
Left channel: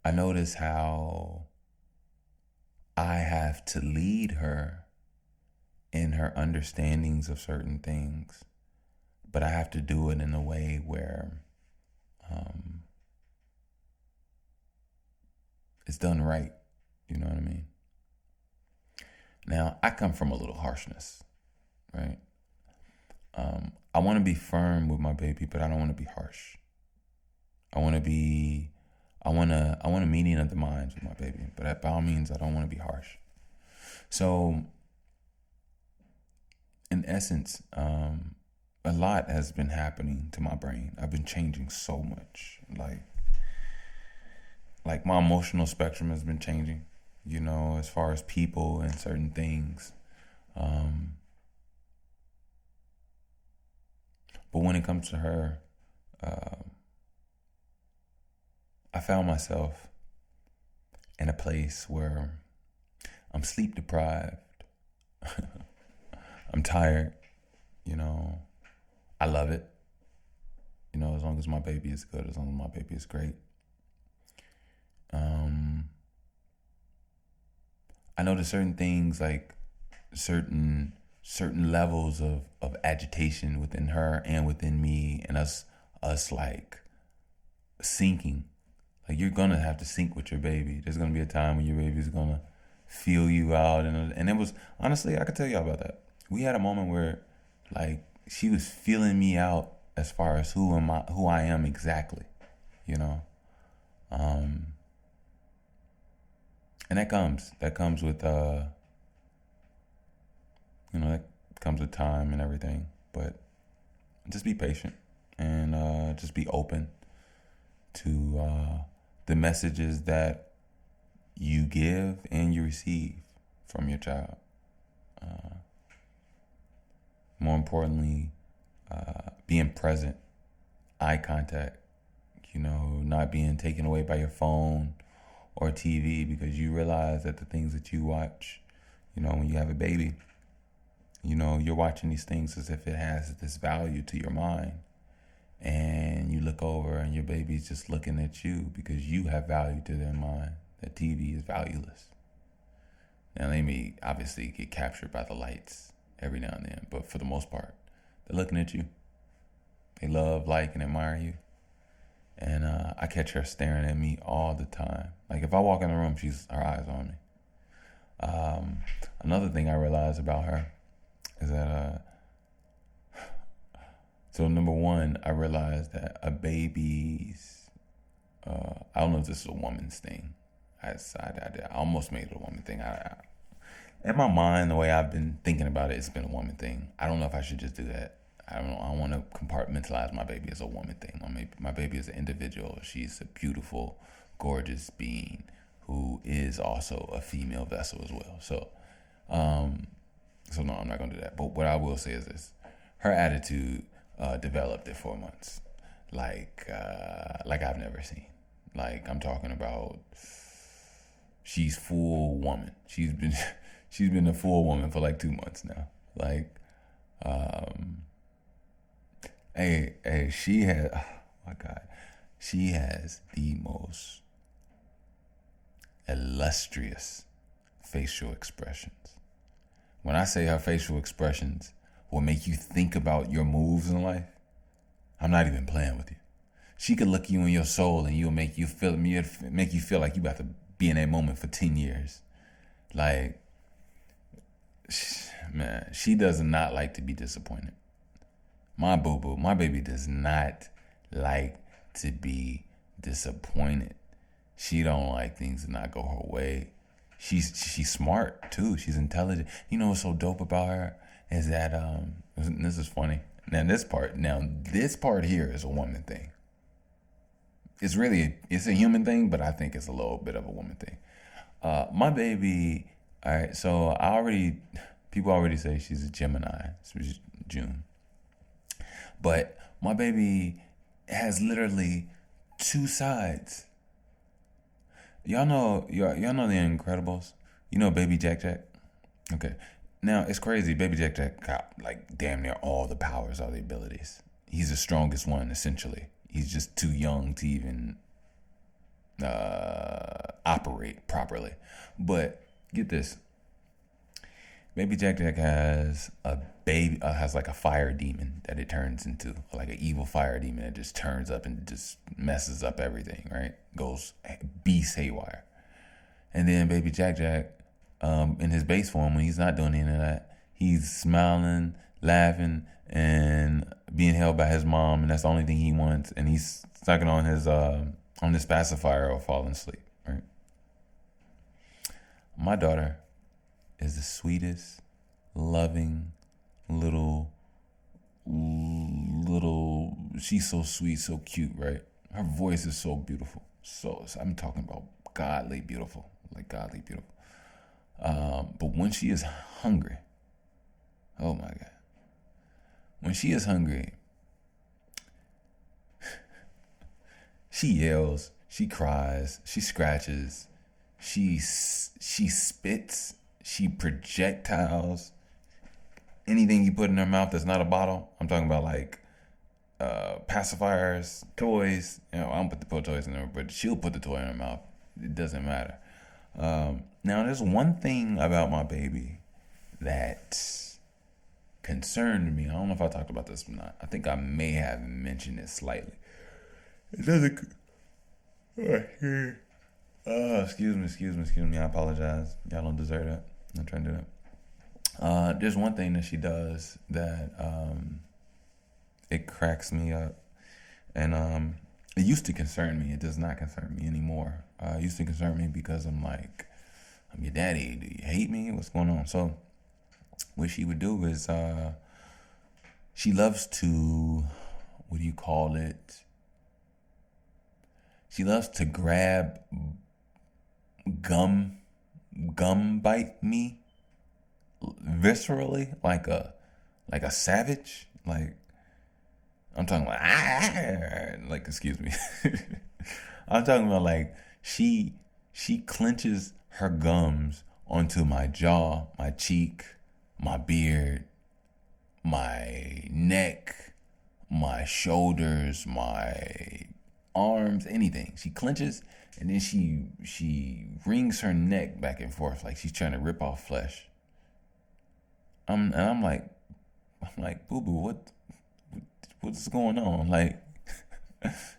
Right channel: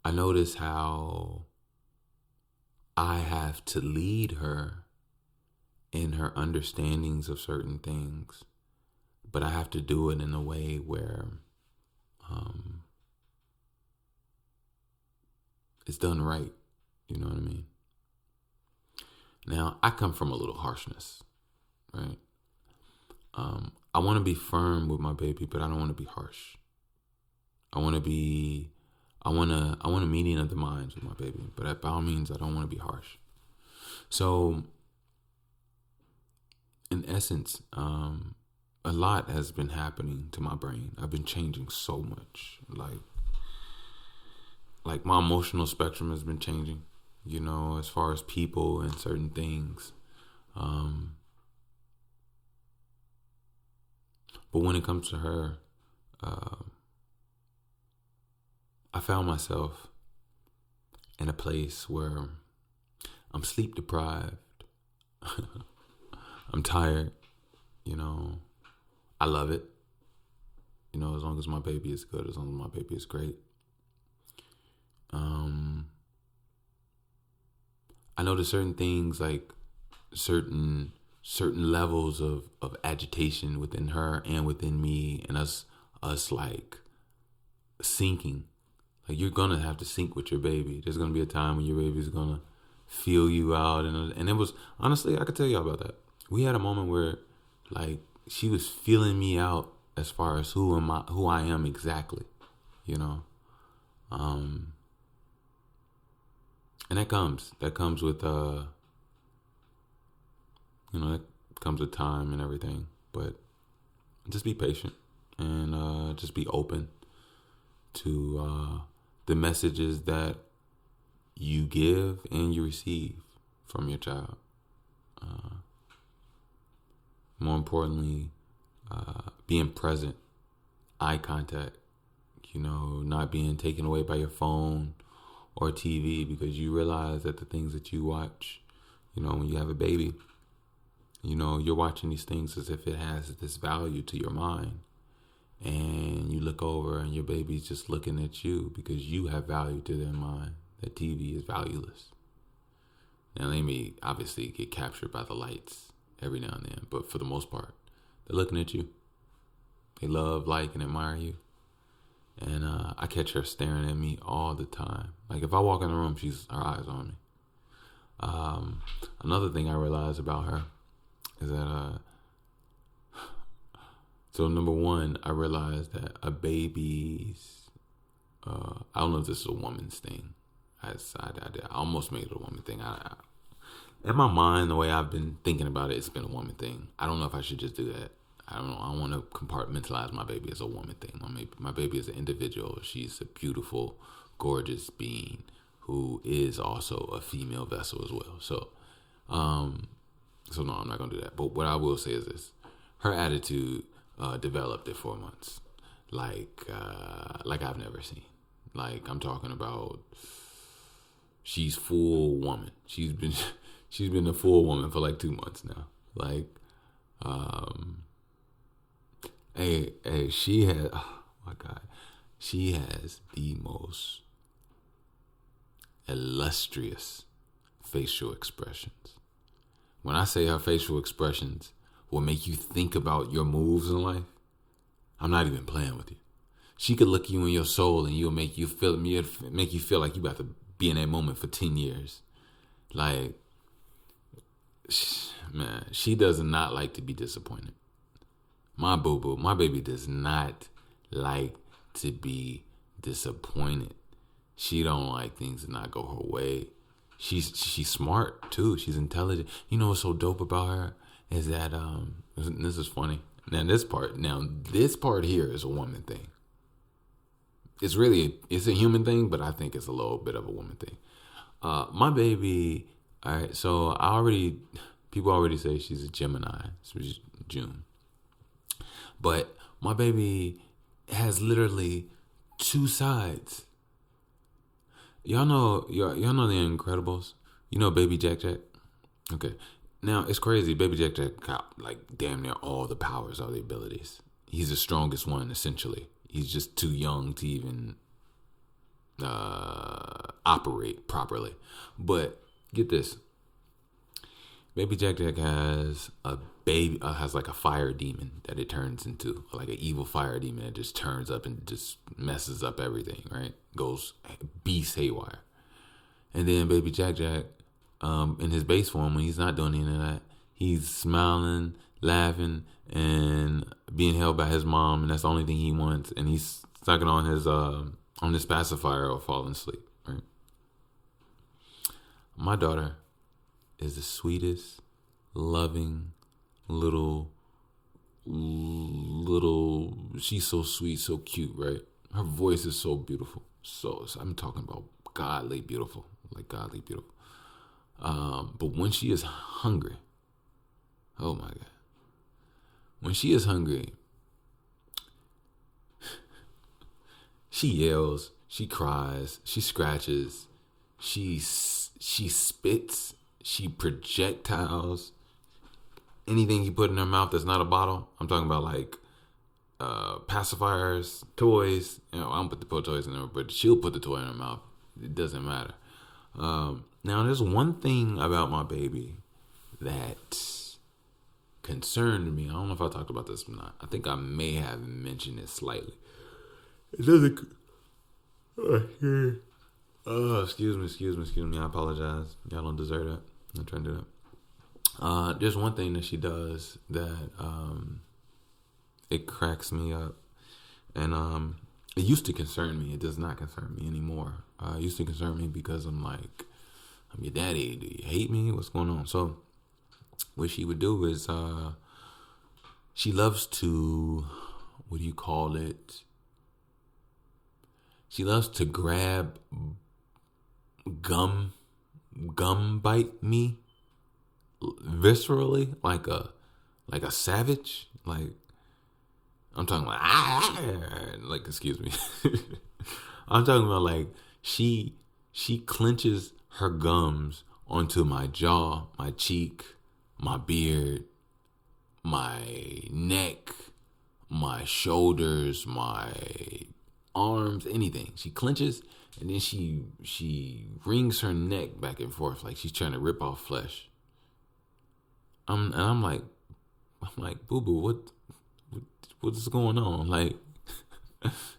I notice how I have to lead her in her understandings of certain things, but I have to do it in a way where it's done right. You know what I mean? Now, I come from a little harshness, right? I want to be firm with my baby, but I don't want to be harsh. I want a meeting of the minds with my baby, but by all means, I don't want to be harsh. So, in essence, a lot has been happening to my brain. I've been changing so much. Like my emotional spectrum has been changing, as far as people and certain things. But when it comes to her, I found myself in a place where I'm sleep deprived. I'm tired, I love it. As long as my baby is good, as long as my baby is great. I know there's certain things, like certain levels of agitation within her and within me, and us like syncing. Like, you're gonna have to sync with your baby. There's gonna be a time when your baby's gonna feel you out, and it was, honestly, I could tell y'all about that. We had a moment where, like, she was feeling me out as far as who I am exactly, and that comes with that comes with time and everything. But just be patient and just be open to the messages that you give and you receive from your child. More importantly, being present, eye contact, not being taken away by your phone or TV, because you realize that the things that you watch, when you have a baby, you're watching these things as if it has this value to your mind. And you look over and your baby's just looking at you because you have value to their mind. That TV is valueless. Now, they may obviously get captured by the lights every now and then, but for the most part, they're looking at you. They love, like, and admire you. And I catch her staring at me all the time. Like, if I walk in the room, her eyes on me. Another thing I realized about her is that, so number one, I realized that a baby's, I don't know if this is a woman's thing. I almost made it a woman thing. In my mind, the way I've been thinking about it, it's been a woman thing. I don't know if I should just do that. I don't know. I want to compartmentalize my baby as a woman thing. My baby is an individual. She's a beautiful, gorgeous being who is also a female vessel as well. So no, I'm not gonna do that. But what I will say is this: her attitude developed at 4 months, like I've never seen. Like, I'm talking about, she's full woman. She's been a full woman for like 2 months now. Like, she had, oh my God, she has the most illustrious facial expressions. When I say her facial expressions will make you think about your moves in life, I'm not even playing with you. She could look you in your soul and you'll make you feel like you about to be in that moment for 10 years. Like, man, she does not like to be disappointed. My boo-boo, my baby does not like to be disappointed. She don't like things to not go her way. She's smart too. She's intelligent. You know what's so dope about her is that this is funny. Now this part here is a woman thing. It's a human thing, but I think it's a little bit of a woman thing. My baby, all right, so people already say she's a Gemini. It's June. But my baby has literally 2 sides. Y'all know The Incredibles? You know Baby Jack Jack? Okay. Now, it's crazy. Baby Jack Jack got like damn near all the powers, all the abilities. He's the strongest one, essentially. He's just too young to even operate properly. But get this. Baby Jack Jack has like a fire demon that it turns into, like an evil fire demon that just turns up and just messes up everything, right? Goes beast haywire. And then Baby Jack Jack, in his base form, when he's not doing any of that, he's smiling, laughing, and being held by his mom, and that's the only thing he wants. And he's sucking on his pacifier or falling asleep, right? My daughter is the sweetest, loving little, she's so sweet, so cute, right? Her voice is so beautiful. So I'm talking about godly beautiful, like godly beautiful. But when she is hungry, oh my God. When she is hungry, she yells, she cries, she scratches, she spits, she projectiles. Anything you put in her mouth that's not a bottle, I'm talking about like pacifiers, toys. I don't put the toys in her, but she'll put the toy in her mouth. It doesn't matter. Now, there's one thing about my baby that concerned me. I don't know if I talked about this or not. I think I may have mentioned it slightly. It doesn't. Excuse me. I apologize. Y'all don't deserve that. I'm not trying to do that. There's one thing that she does that it cracks me up, and it used to concern me. It does not concern me anymore. It used to concern me because I'm your daddy. Do you hate me? What's going on? So what she would do is she loves to, what do you call it? She loves to grab gum bite me viscerally like a savage. Like I'm talking like excuse me. I'm talking about like she clenches her gums onto my jaw, my cheek, my beard, my neck, my shoulders, my arms, anything. She clenches and then she wrings her neck back and forth like she's trying to rip off flesh. I'm like, boo boo, what's going on? Like,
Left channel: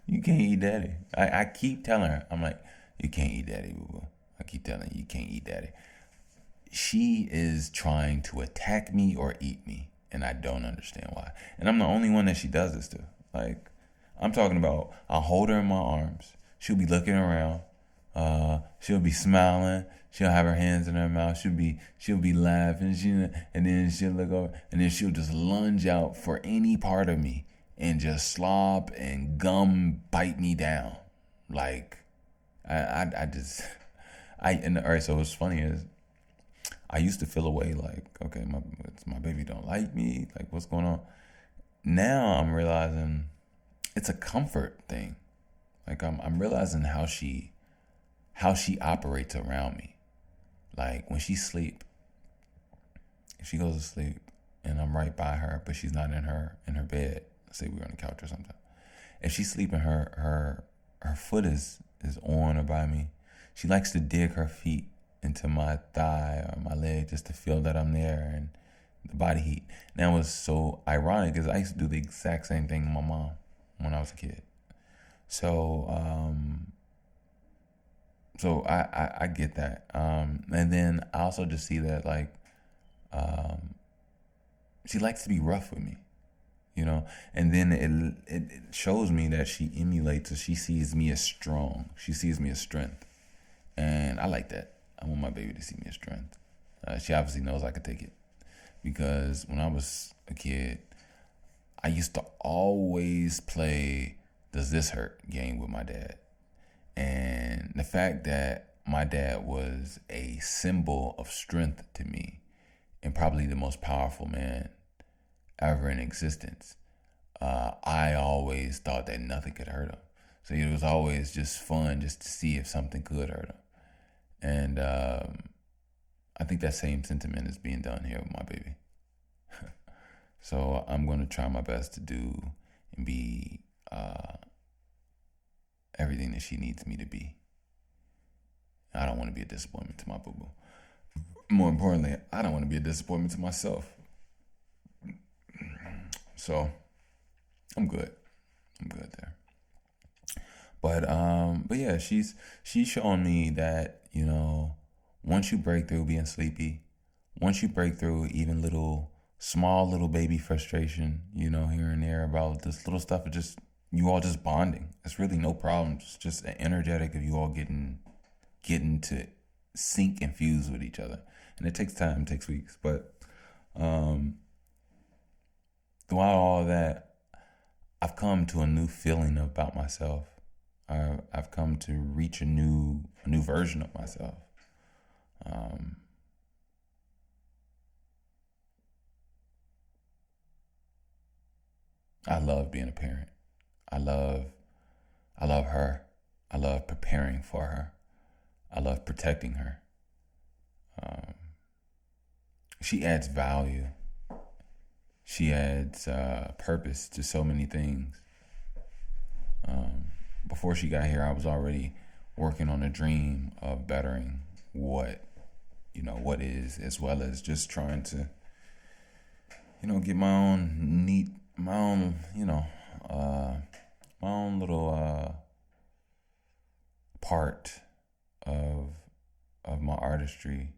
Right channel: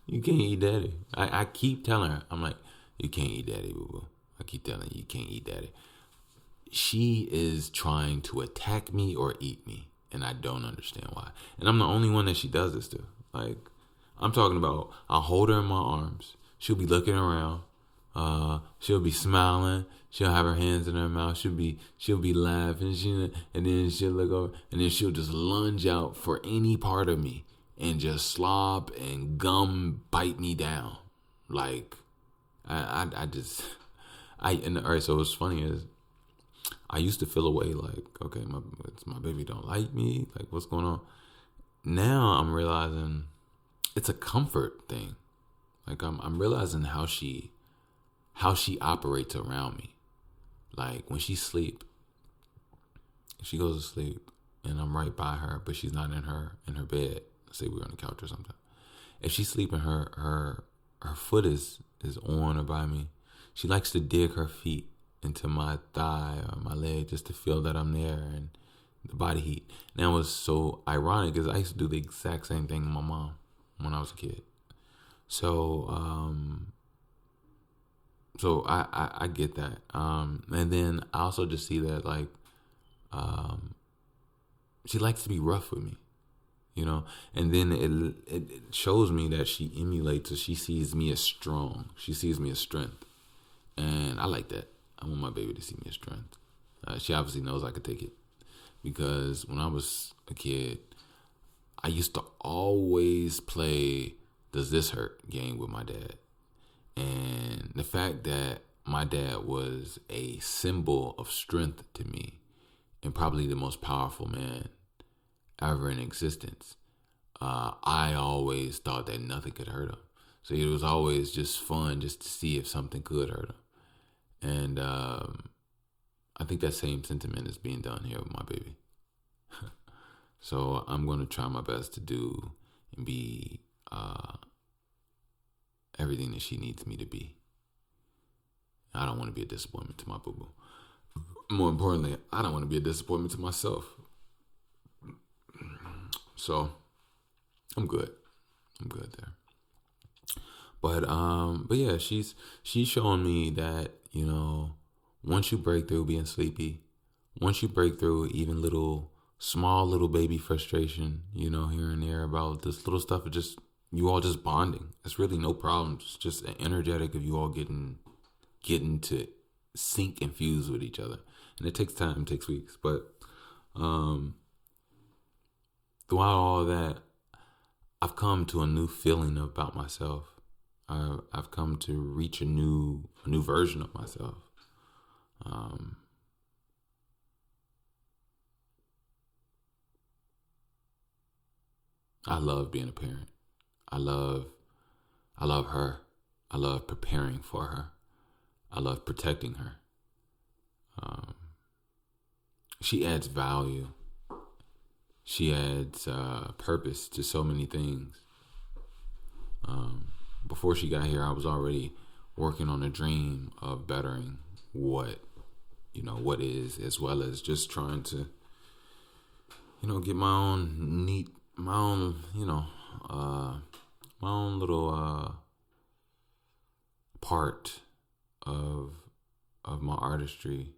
you can't eat daddy. I keep telling her, I'm like, you can't eat daddy, boo boo. I keep telling her, you can't eat daddy. She is trying to attack me or eat me, and I don't understand why. And I'm the only one that she does this to. Like, I'm talking about, I'll hold her in my arms. She'll be looking around. She'll be smiling. She'll have her hands in her mouth. She'll be laughing. And then she'll look over, and then she'll just lunge out for any part of me and just slop and gum bite me down. Like, all right. So what's funny is, I used to feel away like, okay, my baby don't like me. Like, what's going on? Now I'm realizing it's a comfort thing. Like I'm realizing how she operates around me. Like when she goes to sleep and I'm right by her, but she's not in her bed. Say we're on the couch or something. If she's sleeping, her foot is on or by me. She likes to dig her feet into my thigh or my leg just to feel that I'm there and the body heat. And that was so ironic because I used to do the exact same thing with my mom when I was a kid. So I get that. And then I also just see that like she likes to be rough with me, you know. And then it shows me that she emulates, or she sees me as strong. She sees me as strength, and I like that. I want my baby to see me as strength. She obviously knows I could take it, because when I was a kid, I used to always play "Does this hurt?" game with my dad. And the fact that my dad was a symbol of strength to me, and probably the most powerful man ever in existence, I always thought that nothing could hurt him. So it was always just fun just to see if something could hurt him. And I think that same sentiment is being done here with my baby. So I'm going to try my best to do and be everything that she needs me to be. I don't want to be a disappointment to my boo-boo. More importantly, I don't want to be a disappointment to myself. So I'm good there. But yeah, she's showing me that, you know, once you break through being sleepy, once you break through even small little baby frustration, you know, here and there about this little stuff, of just you all just bonding. It's really no problem. It's just energetic of you all getting to sync and fuse with each other. And it takes time, it takes weeks. But throughout all of that, I've come to a new feeling about myself. I've come to reach a new version of myself. I love being a parent. I love her. I love preparing for her. I love protecting her. She adds value. She adds purpose to so many things. Before she got here, I was already working on a dream of bettering what is, as well as just trying to, get my own little part of my artistry,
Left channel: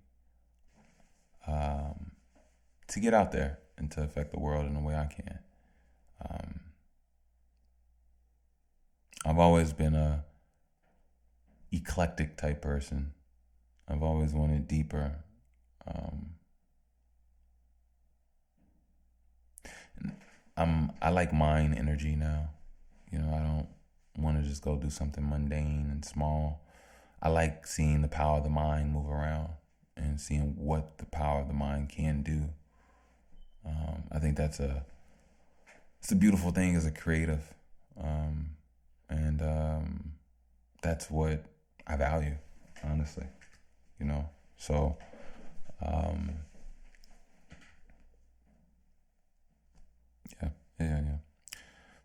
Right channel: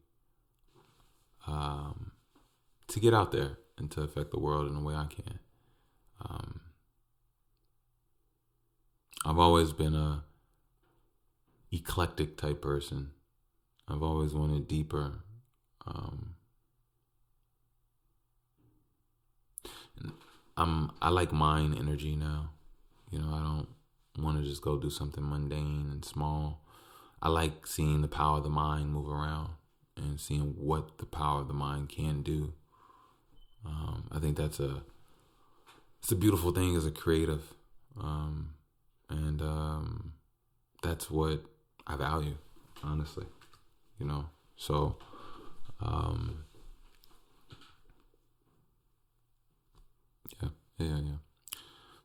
to get out there and to affect the world in the way I can. I've always been a eclectic type person. I've always wanted deeper. I like mind energy now. You know, I don't want to just go do something mundane and small. I like seeing the power of the mind move around and seeing what the power of the mind can do. I think it's a beautiful thing as a creative, and that's what I value, honestly. You know, so yeah.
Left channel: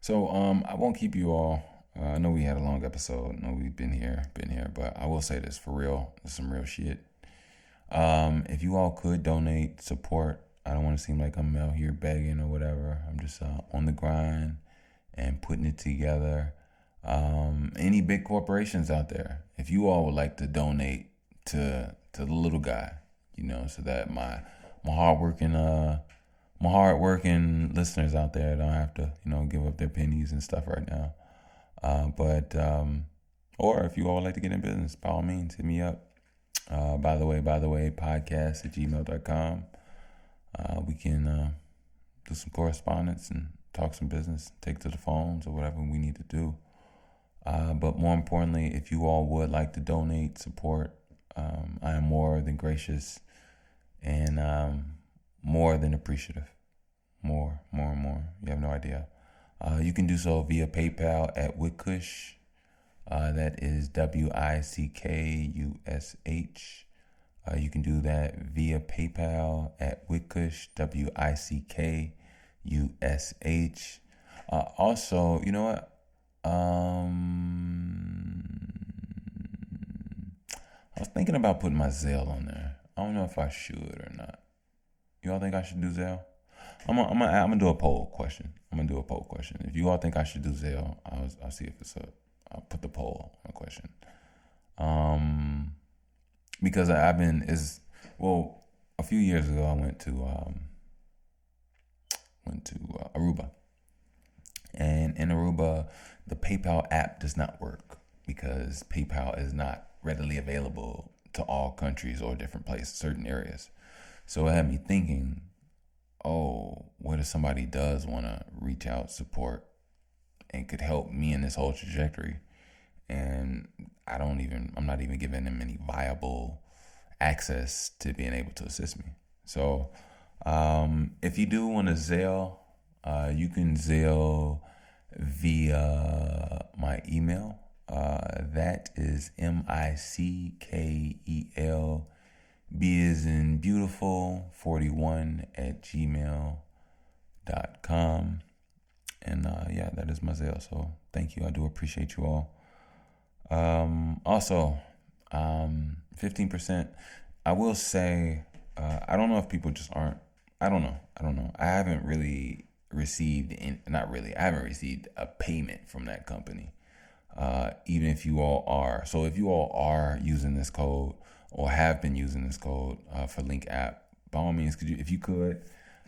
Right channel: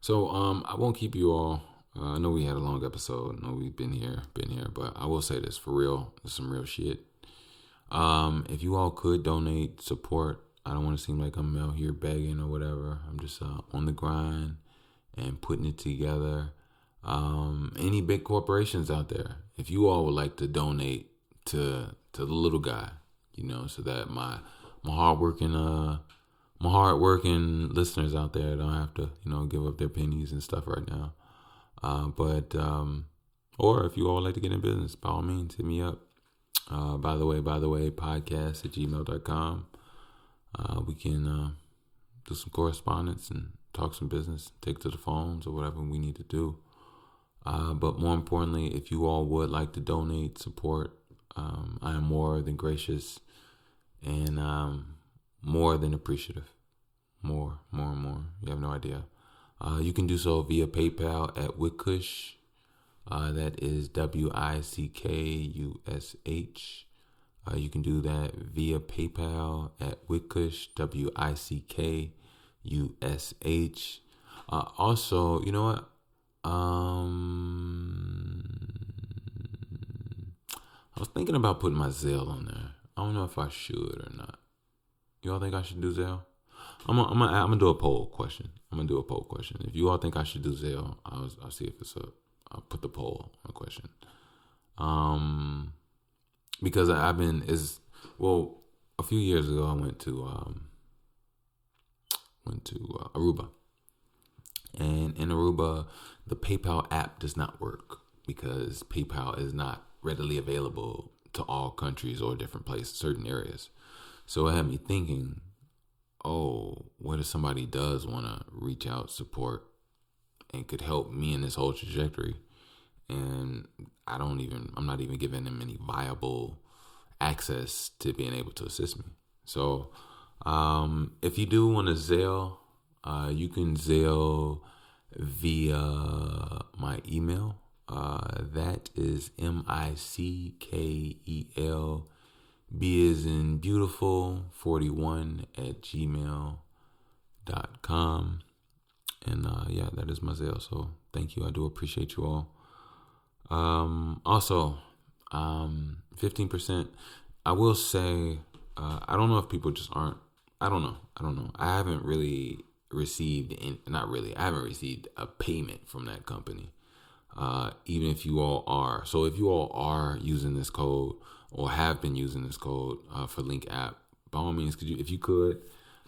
So I won't keep you all. I know we had a long episode. I know we've been here, but I will say this for real. This is some real shit. If you all could donate, support. I don't want to seem like I'm out here begging or whatever. I'm just on the grind and putting it together. Any big corporations out there, if you all would like to donate to the little guy, you know, so that my hardworking listeners out there don't have to, you know, give up their pennies and stuff right now. Or if you all would like to get in business, by all means, hit me up. By the way, podcast@gmail.com. We can do some correspondence and talk some business, take to the phones or whatever we need to do. But more importantly, if you all would like to donate, support, I am more than gracious and more than appreciative. More. You have no idea. You can do so via PayPal at Wickush. That is WICKUSH. You can do that via PayPal at Wickush, WICKUSH. Also, you know what? I was thinking about putting my Zelle on there. I don't know if I should or not. You all think I should do Zelle? I'm gonna do a poll question. If you all think I should do Zelle, I'll see if I'll put the poll on a question. Because a few years ago I went to Aruba, and in Aruba the PayPal app does not work because PayPal is not readily available to all countries or different places, certain areas. So it had me thinking, what if somebody does want to reach out, support, and could help me in this whole trajectory? And I'm not even giving them any viable access to being able to assist me. So if you do want to Zelle, you can Zelle via my email. That is MICKEL B as in beautiful 41 at gmail.com. And that is my Zelle. So thank you. I do appreciate you all. Also, 15%. I will say, I don't know if people just aren't. I don't know. I haven't really received, I haven't received a payment from that company. Even if you all are. So if you all are using this code or have been using this code for Link app, by all means, if you could,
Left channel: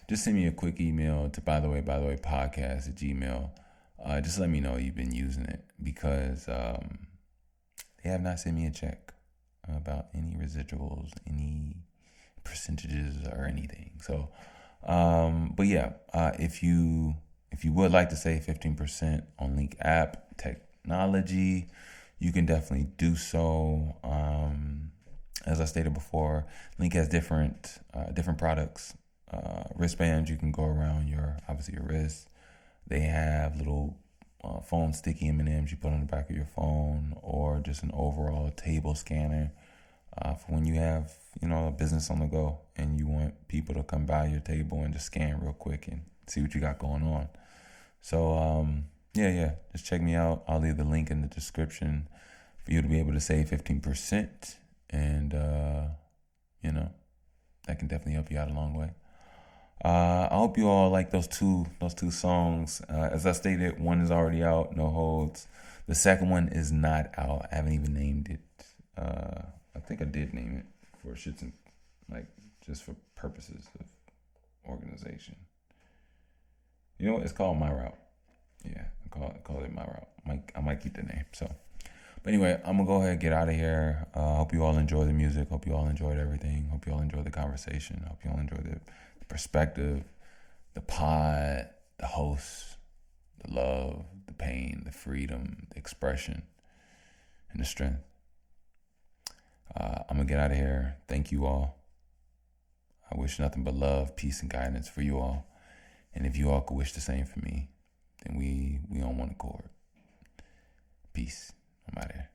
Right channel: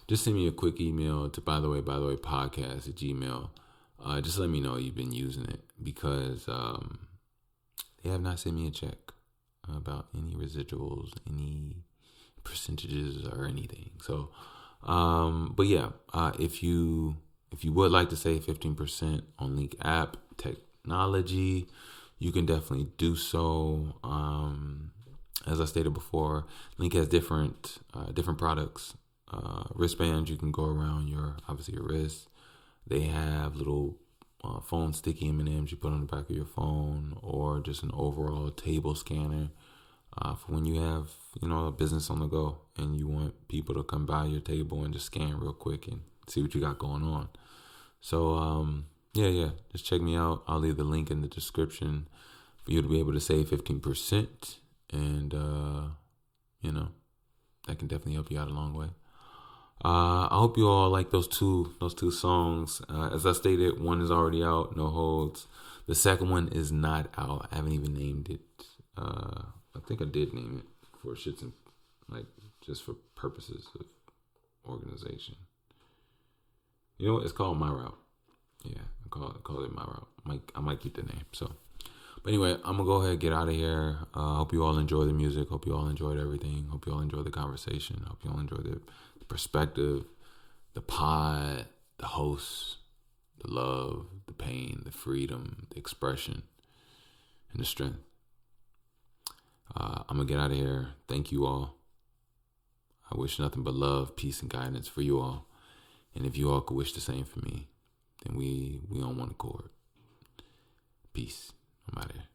just send me a quick email to by the way podcast at gmail. Just let me know you've been using it, because they have not sent me a check about any residuals, any percentages or anything. So, but yeah, if you would like to save 15% on Link app technology, you can definitely do so. As I stated before, Link has different products. Wristbands you can go around your wrist. They have little phone sticky M&Ms you put on the back of your phone, or just an overall table scanner for when you have a business on the go and you want people to come by your table and just scan real quick and see what you got going on. So just check me out. I'll leave the link in the description for you to be able to save 15%, and that can definitely help you out a long way. I hope you all like those two songs. As I stated, one is already out, No Holds. The second one is not out. I haven't even named it. I think I did name it for shits and just for purposes of organization. You know what? It's called My Route. Yeah, I call it My Route. I might keep the name. So, but anyway, I'm gonna go ahead and get out of here. Hope you all enjoy the music. Hope you all enjoyed everything. Hope you all enjoyed the conversation. Hope you all enjoyed the perspective, the pod, the host, the love, the pain, the freedom, the expression, and the strength. I'm going to get out of here. Thank you all. I wish nothing but love, peace, and guidance for you all. And if you all could wish the same for me, then we on one accord. Peace. I'm out of here.